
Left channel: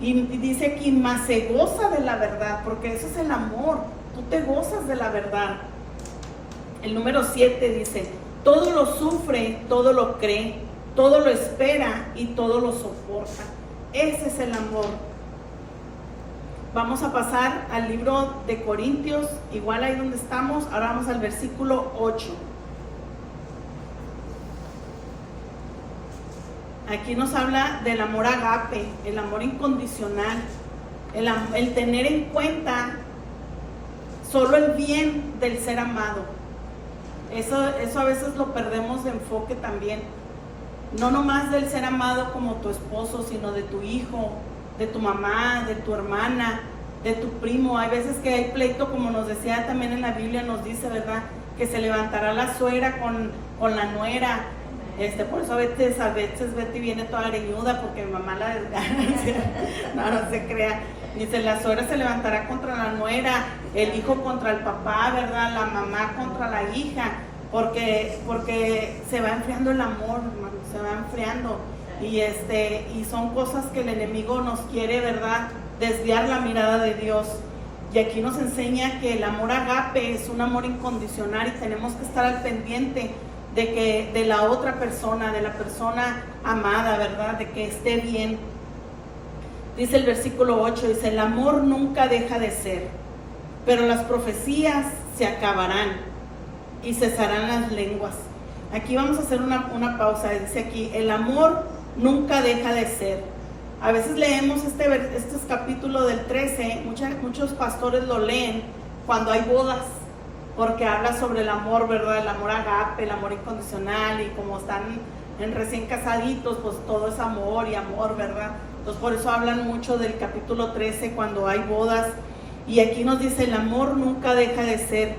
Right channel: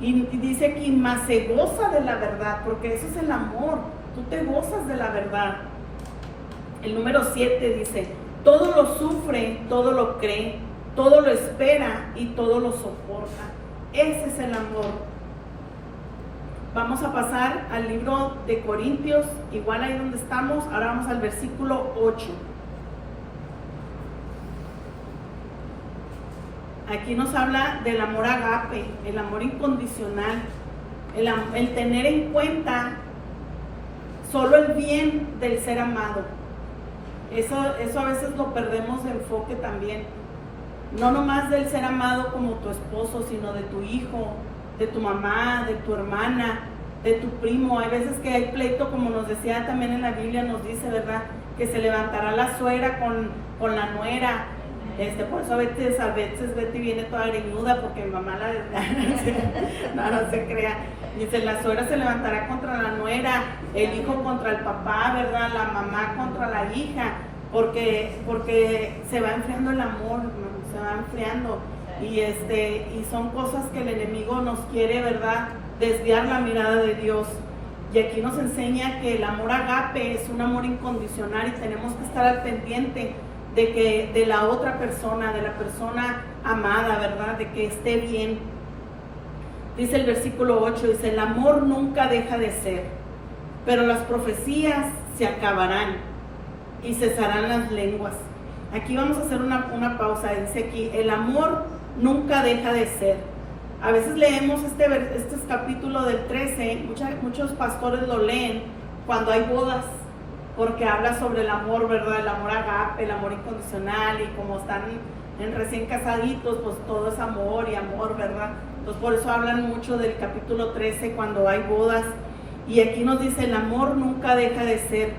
Y dice aquí, más se goza de la verdad, porque eso es el amor, tú te gozas de la verdad. El número 7 dice, todo lo sufre, todo lo cree, todo lo espera y todo lo soporta. Ese es el amor. Vamos a pasar al libro de Corintios, igual ahí donde estamos, ahora vamos al versículo 8. Aquí nos habla del amor agape, el amor incondicional, el tener en cuenta solo el bien del ser amado. Eso a veces lo perdemos de enfoque también. No nomás del ser amado como tu esposo, sino de tu hijo, de tu mamá, de tu hermana, de tu primo. Hay veces que hay pleito, como nos decía también en la Biblia, nos dice, ¿verdad?, que se levantará la suegra con la nuera. Por eso a veces Betty viene toda greñuda porque mi mamá la no se crea. Dice, la suegra se levantará contra la nuera, el hijo contra el papá, ¿verdad? La mamá contra la hija, porque se va enfriando el amor, hermano, se va enfriando. Y son cosas que el enemigo nos quiere, ¿verdad?, desviar la mirada de Dios. Y aquí nos enseña que el amor agape es un amor incondicional y tenemos que estar al pendiente de la otra persona, de la persona amada, ¿verdad?, de que esté bien. Dice el versículo 8, dice, el amor nunca deja de ser, pero las profecías se acabarán y cesarán las lenguas. Aquí vamos a hacer una pausa. Dice aquí, el amor nunca deja de ser. A veces leemos este capítulo del 13, muchos pastores lo leen cuando hay bodas, porque habla sobre el amor, ¿verdad? El amor agape, el amor incondicional, y como están en recién casaditos, pues todo es amor y amor, ¿verdad? Entonces por eso hablan mucho del capítulo 13 cuando hay bodas. Y aquí nos dice, el amor nunca deja de ser,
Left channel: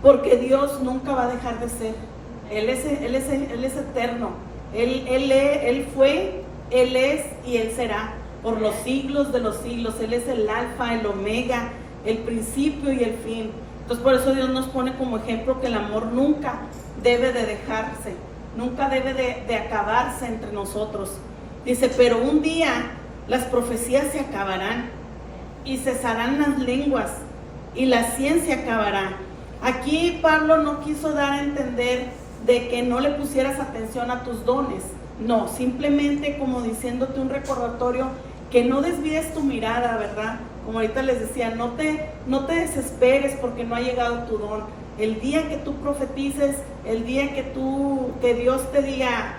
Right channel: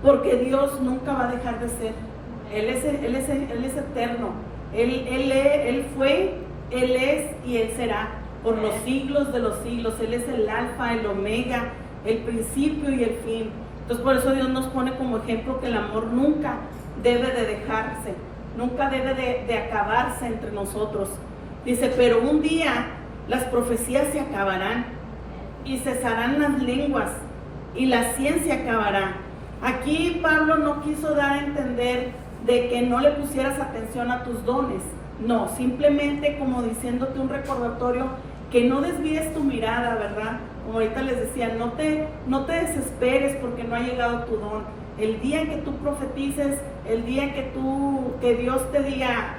porque Dios nunca va a dejar de ser. Él es eterno. Él fue, Él es y Él será por los siglos de los siglos. Él es el alfa, el omega, el principio y el fin. Entonces por eso Dios nos pone como ejemplo que el amor nunca debe de dejarse, nunca debe de acabarse entre nosotros. Dice, pero un día las profecías se acabarán y cesarán las lenguas y la ciencia acabará. Aquí Pablo no quiso dar a entender de que no le pusieras atención a tus dones. No, simplemente como diciéndote un recordatorio que no desvíes tu mirada, ¿verdad? Como ahorita les decía, no te desesperes porque no ha llegado tu don. El día que tú profetices, el día que Dios te diga,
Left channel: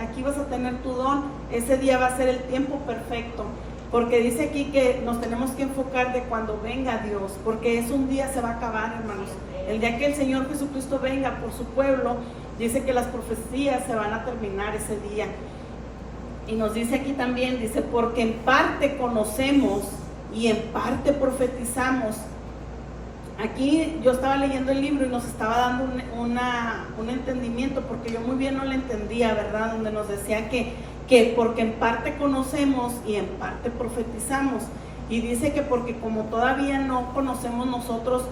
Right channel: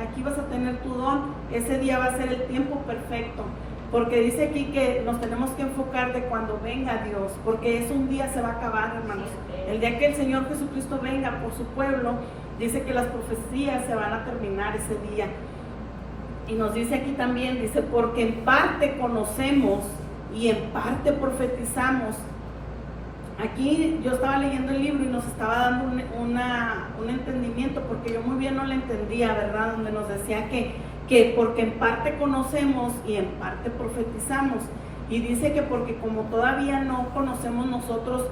aquí vas a tener tu don, ese día va a ser el tiempo perfecto. Porque dice aquí que nos tenemos que enfocar de cuando venga Dios, porque es un día, se va a acabar, hermanos. El día que el Señor Jesucristo venga por su pueblo, dice que las profecías se van a terminar ese día. Y nos dice aquí también, dice, porque en parte conocemos y en parte profetizamos. Aquí yo estaba leyendo el libro y nos estaba dando un entendimiento, porque yo muy bien no lo entendía, ¿verdad? Donde nos decía que porque en parte conocemos y en parte profetizamos. Y dice que porque como todavía no conocemos nosotros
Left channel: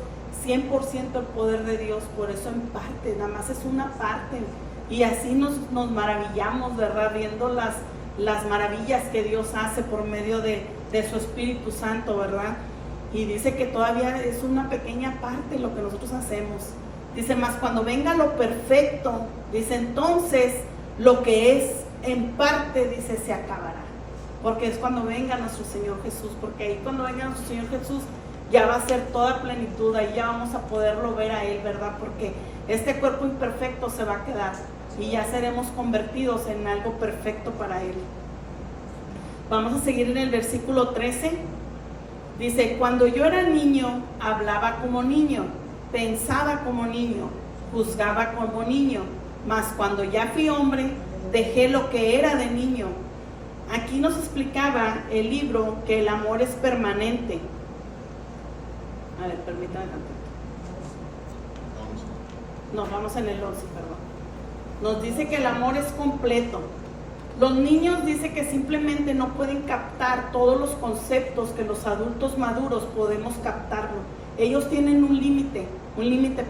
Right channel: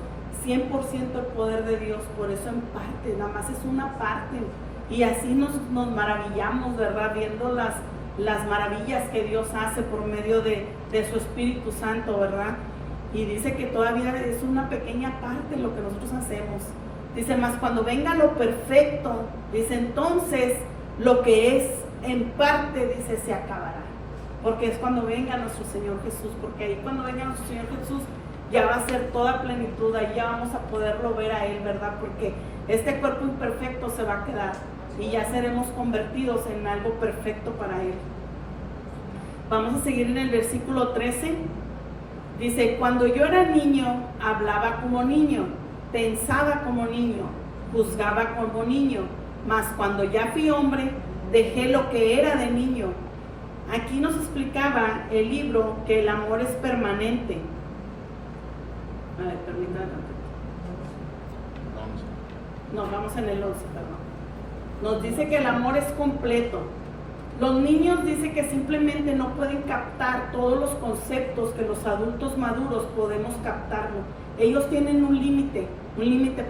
100% el poder de Dios, por eso en parte, nada más es una parte. Y así nos maravillamos, ¿verdad? Viendo las maravillas que Dios hace por medio de su Espíritu Santo, ¿verdad? Y dice que todavía es una pequeña parte de lo que nosotros hacemos. Dice, más cuando venga lo perfecto, dice, entonces lo que es en parte, dice, se acabará. Porque es cuando venga nuestro Señor Jesús, porque ahí cuando venga nuestro Señor Jesús ya va a ser toda plenitud, ahí ya vamos a poderlo ver a Él, ¿verdad? Porque este cuerpo imperfecto se va a quedar y ya seremos convertidos en algo perfecto para Él. Vamos a seguir en el versículo 13. Dice, cuando yo era niño, hablaba como niño, pensaba como niño, juzgaba como niño, mas cuando ya fui hombre, dejé lo que era de niño. Aquí nos explicaba el libro que el amor es permanente. A ver, permítanme. Nos vamos en el 11, perdón. Nos dice que el amor es completo. Los niños dice que simplemente no pueden captar todos los conceptos que los adultos maduros podemos captarlo. Ellos tienen un límite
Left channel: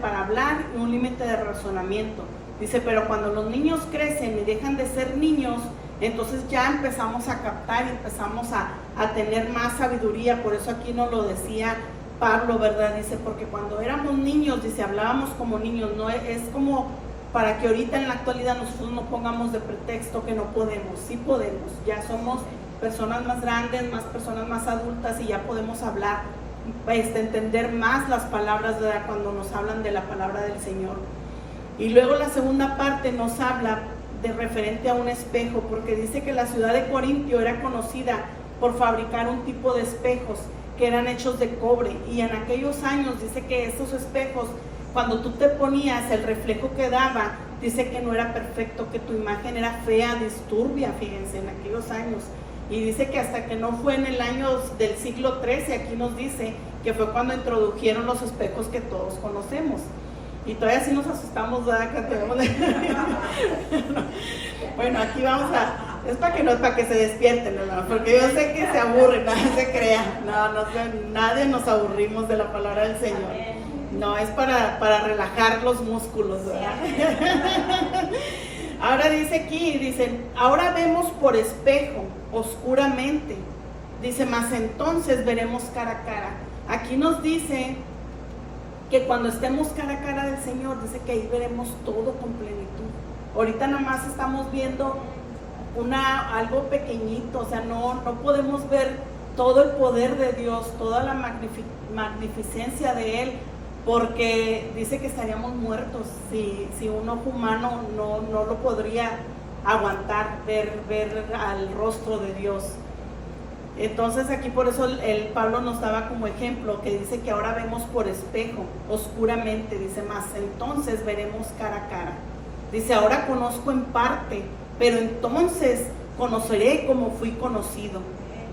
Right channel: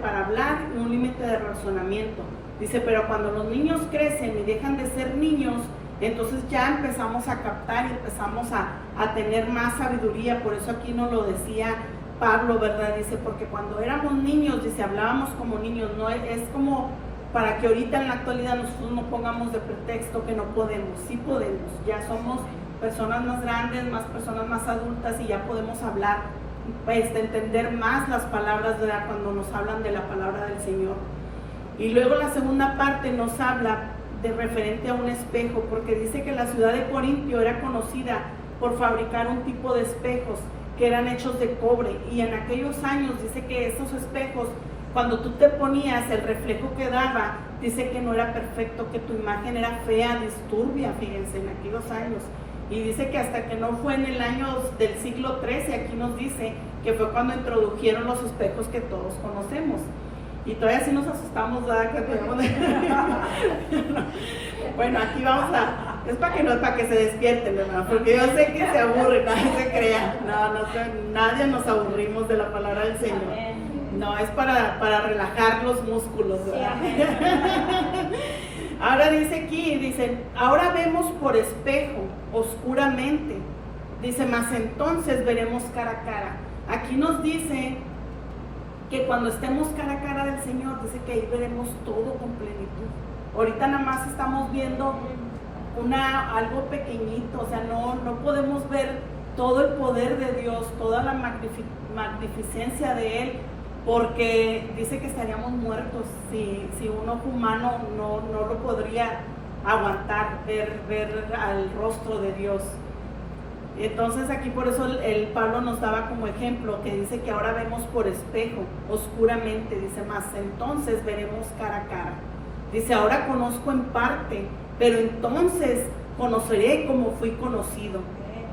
para hablar y un límite de razonamiento. Dice, pero cuando los niños crecen y dejan de ser niños, entonces ya empezamos a captar y empezamos a tener más sabiduría. Por eso aquí nos lo decía Pablo, ¿verdad? Dice, porque cuando éramos niños, dice, hablábamos como niños, no es como para que ahorita en la actualidad nosotros no pongamos de pretexto que no podemos. Sí podemos, ya somos personas más grandes, más personas más adultas y ya podemos hablar, entender más las palabras, ¿verdad? Cuando nos hablan de la palabra del Señor. Y luego la segunda parte nos habla de referente a un espejo, porque dice que la ciudad de Corintio era conocida por fabricar un tipo de espejos que eran hechos de cobre, y en aquellos años dice que esos espejos, cuando tú te ponías, el reflejo que daba, dice que no era perfecto, que tu imagen era fea, disturbia, fíjense, en aquellos años. Y dice que hasta que no fue en el año del siglo XIII, aquí nos dice que fue cuando introdujeron los espejos que todos conocemos. Y todavía sí nos asustamos, ¿verdad? Bueno, aquí vamos es para que se despierten, ¿verdad? Porque yo sé que se aburren, no se crean. Nadie nos aburrimos de la palabra del Señor. No, es para relajar los músculos, ¿verdad? Ahora dice aquí, dice, ahora vemos por espejo, oscuramente. Dice, mas entonces veremos cara a cara. Aquí nos dice que cuando estemos cara a cara del Señor, dice que ahí veremos todo con plenitud. Ahorita nada más estamos viendo algo pequeñito, o sea, no podemos ver todo el poder de Dios, toda la magnificencia de Él, porque dice que estaríamos muertos si un ojo humano no lo podría aguantar, ver al rostro de Dios. Entonces aquí por eso el Pablo nos daba como ejemplo, que dice que ahora vemos por espejo, oscuramente, dice, más entonces veremos cara a cara. Dice, ahora conozco en parte, pero entonces conoceré como fui conocido.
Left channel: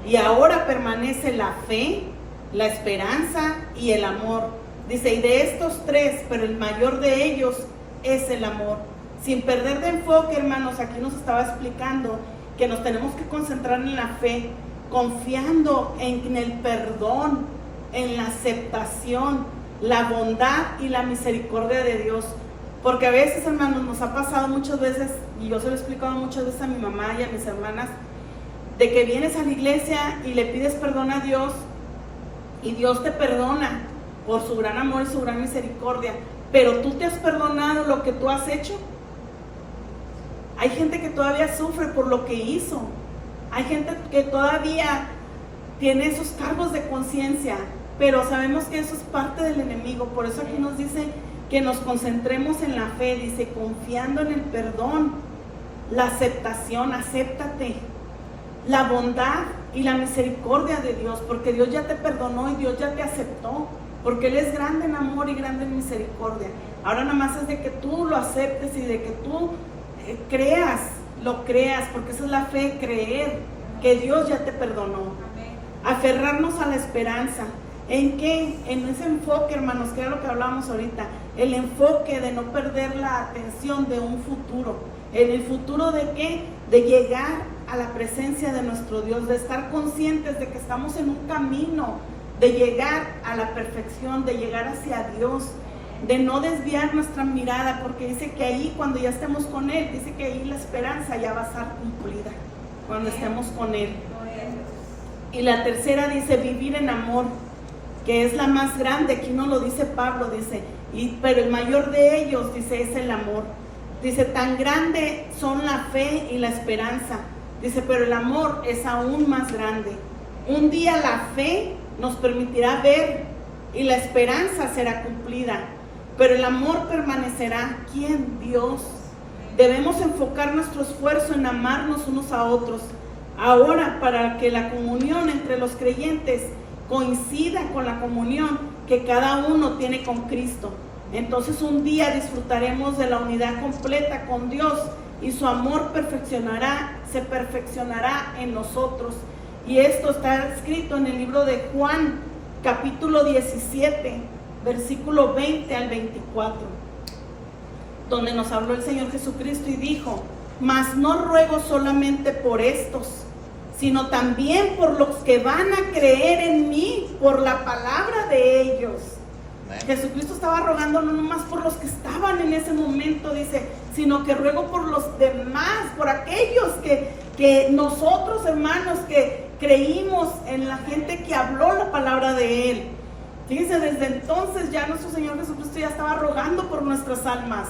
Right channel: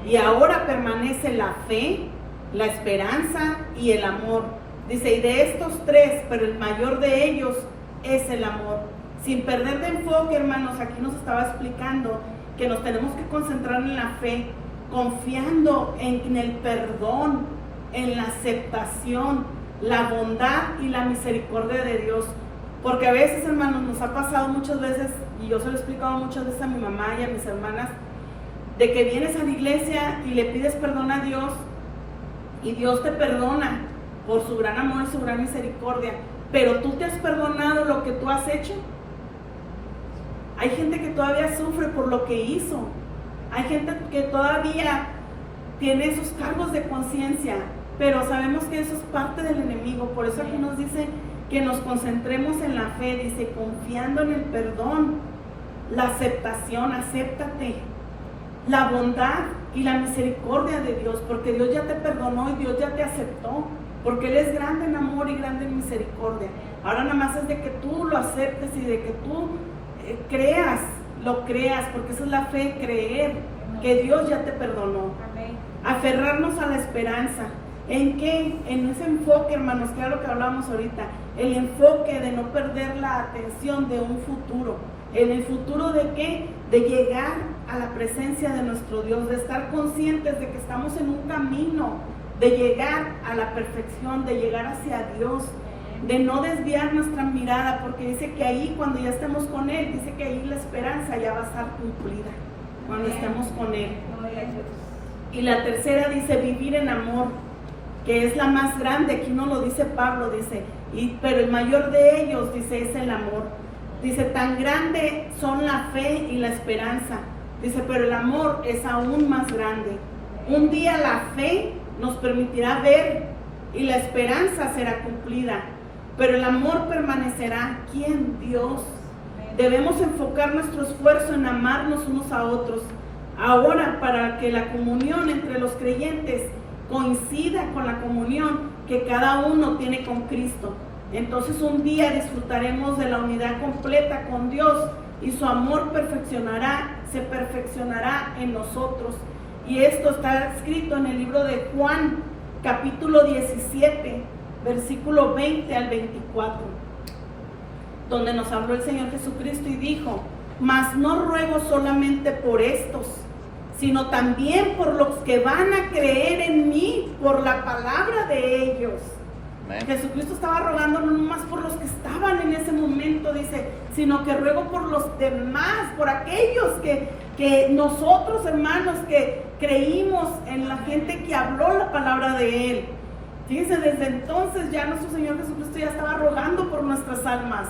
Y ahora permanece la fe, la esperanza y el amor. Dice, y de estos tres, pero el mayor de ellos es el amor. Sin perder de enfoque, hermanos, aquí nos estaba explicando que nos tenemos que concentrar en la fe, confiando en el perdón, en la aceptación, la bondad y la misericordia de Dios. Porque a veces, hermanos, nos ha pasado muchas veces, y yo se lo he explicado muchas veces a mi mamá y a mis hermanas, de que vienes a la iglesia y le pides perdón a Dios, y Dios te perdona por su gran amor y su gran misericordia, pero tú te has perdonado lo que tú has hecho. Hay gente que todavía sufre por lo que hizo. Hay gente que todavía tiene esos cargos de conciencia, pero sabemos que eso es parte del enemigo. Por eso aquí nos dice que nos concentremos en la fe, dice, confiando en el perdón, la aceptación, acéptate, la bondad y la misericordia de Dios, porque Dios ya te perdonó y Dios ya te aceptó, porque Él es grande en amor y grande en misericordia. Ahora nada más es de que tú lo aceptes y de que tú lo creas, porque esa es la fe, creer que Dios ya te perdonó. Amén. Aferrarnos a la esperanza. ¿En qué? En ese enfoque, hermanos, que era lo que hablábamos ahorita, el enfoque de no perder la atención de un futuro. ¿En el futuro de qué? De llegar a la presencia de nuestro Dios, de estar conscientes de que estamos en un camino, de llegar a la perfección, de llegar hacia Dios, de no desviar nuestra mirada, porque dice que ahí cuando ya estemos con Él, dice que ahí la esperanza ya va a estar cumplida, cuando estemos con Él. Y la tercera dice vivir en amor, que es la más grande. Aquí no lo dice Pablo, dice, pero el mayor de ellos, dice, es el amor. Dice, tan grande son la fe y la esperanza. Dice, pero el amor es aún más grande. Un día la fe nos permitirá ver y la esperanza será cumplida, pero el amor permanecerá. ¿Quién? Dios. Debemos enfocar nuestro esfuerzo en amarnos unos a otros. Ahora, para que la comunión entre los creyentes coincida con la comunión que cada uno tiene con Cristo, entonces un día disfrutaremos de la unidad completa con Dios y su amor se perfeccionará en nosotros. Y esto está escrito en el libro de Juan, capítulo 17, versículo 20 al 24, donde nos habló el Señor Jesucristo y dijo, mas no ruego solamente por estos, sino también por los que van a creer en mí por la palabra de ellos. Amén. Jesucristo estaba rogando no nomás por los que estaban en ese momento, dice, sino que ruego por los demás, por aquellos que nosotros, hermanos, que creímos en la gente que habló la palabra de Él. Fíjense, desde entonces ya nuestro Señor Jesucristo ya estaba rogando por nuestras almas.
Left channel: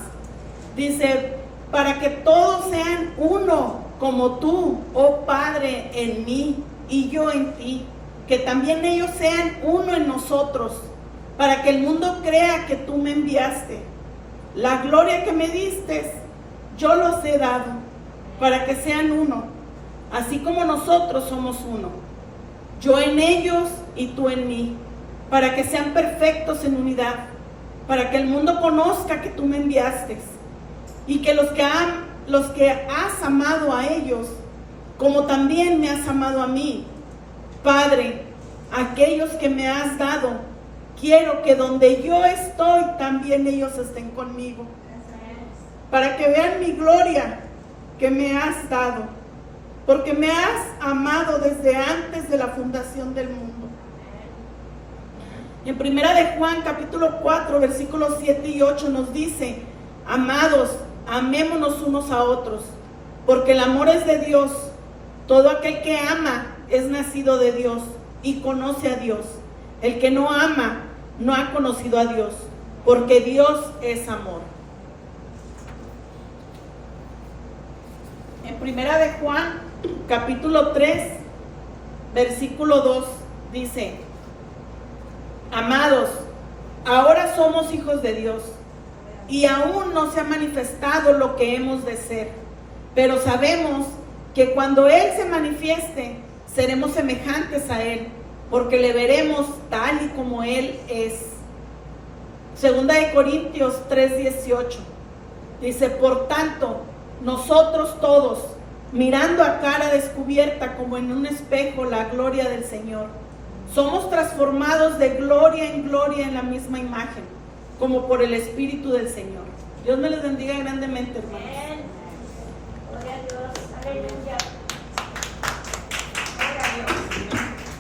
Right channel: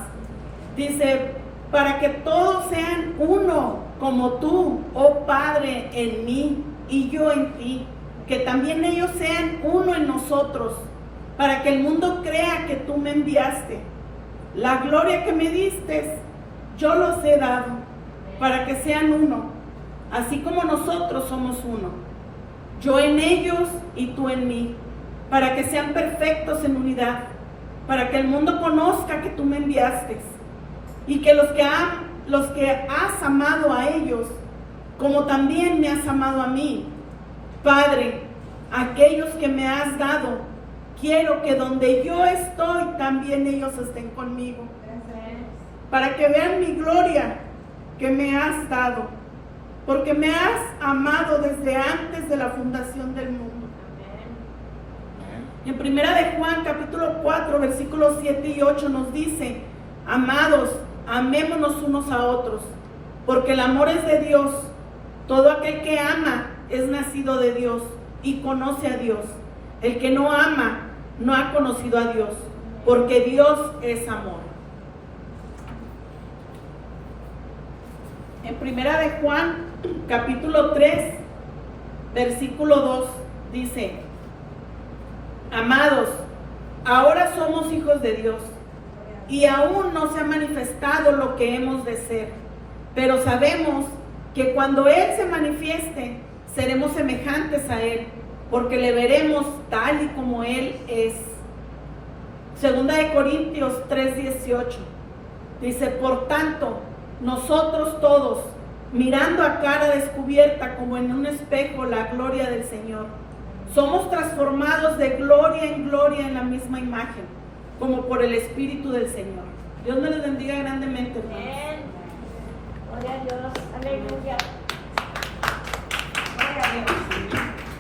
Dice, para que todos sean uno, como tú, oh Padre, en mí y yo en ti, que también ellos sean uno en nosotros, para que el mundo crea que tú me enviaste. La gloria que me diste, yo los he dado, para que sean uno, así como nosotros somos uno. Yo en ellos y tú en mí, para que sean perfectos en unidad, para que el mundo conozca que tú me enviaste, y que los que has amado a ellos, como también me has amado a mí. Padre, aquellos que me has dado, quiero que donde yo estoy, también ellos estén conmigo, para que vean mi gloria que me has dado, porque me has amado desde antes de la fundación del mundo. En primera de Juan, capítulo 4, versículos 7 y 8 nos dice, amados, amémonos unos a otros, porque el amor es de Dios. Todo aquel que ama es nacido de Dios y conoce a Dios. El que no ama no ha conocido a Dios, porque Dios es amor. En primera de Juan, capítulo 3, versículo 2, dice, amados, ahora somos hijos de Dios y aún no se ha manifestado lo que hemos de ser, pero sabemos que cuando Él se manifieste, seremos semejantes a Él, porque le veremos tal y como Él es. Segunda de Corintios 3:18 dice: por tanto, nosotros todos, mirando a cara descubierta como en un espejo la gloria del Señor, somos transformados de gloria en gloria en la misma imagen, como por el Espíritu del Señor. Dios me les bendiga grandemente.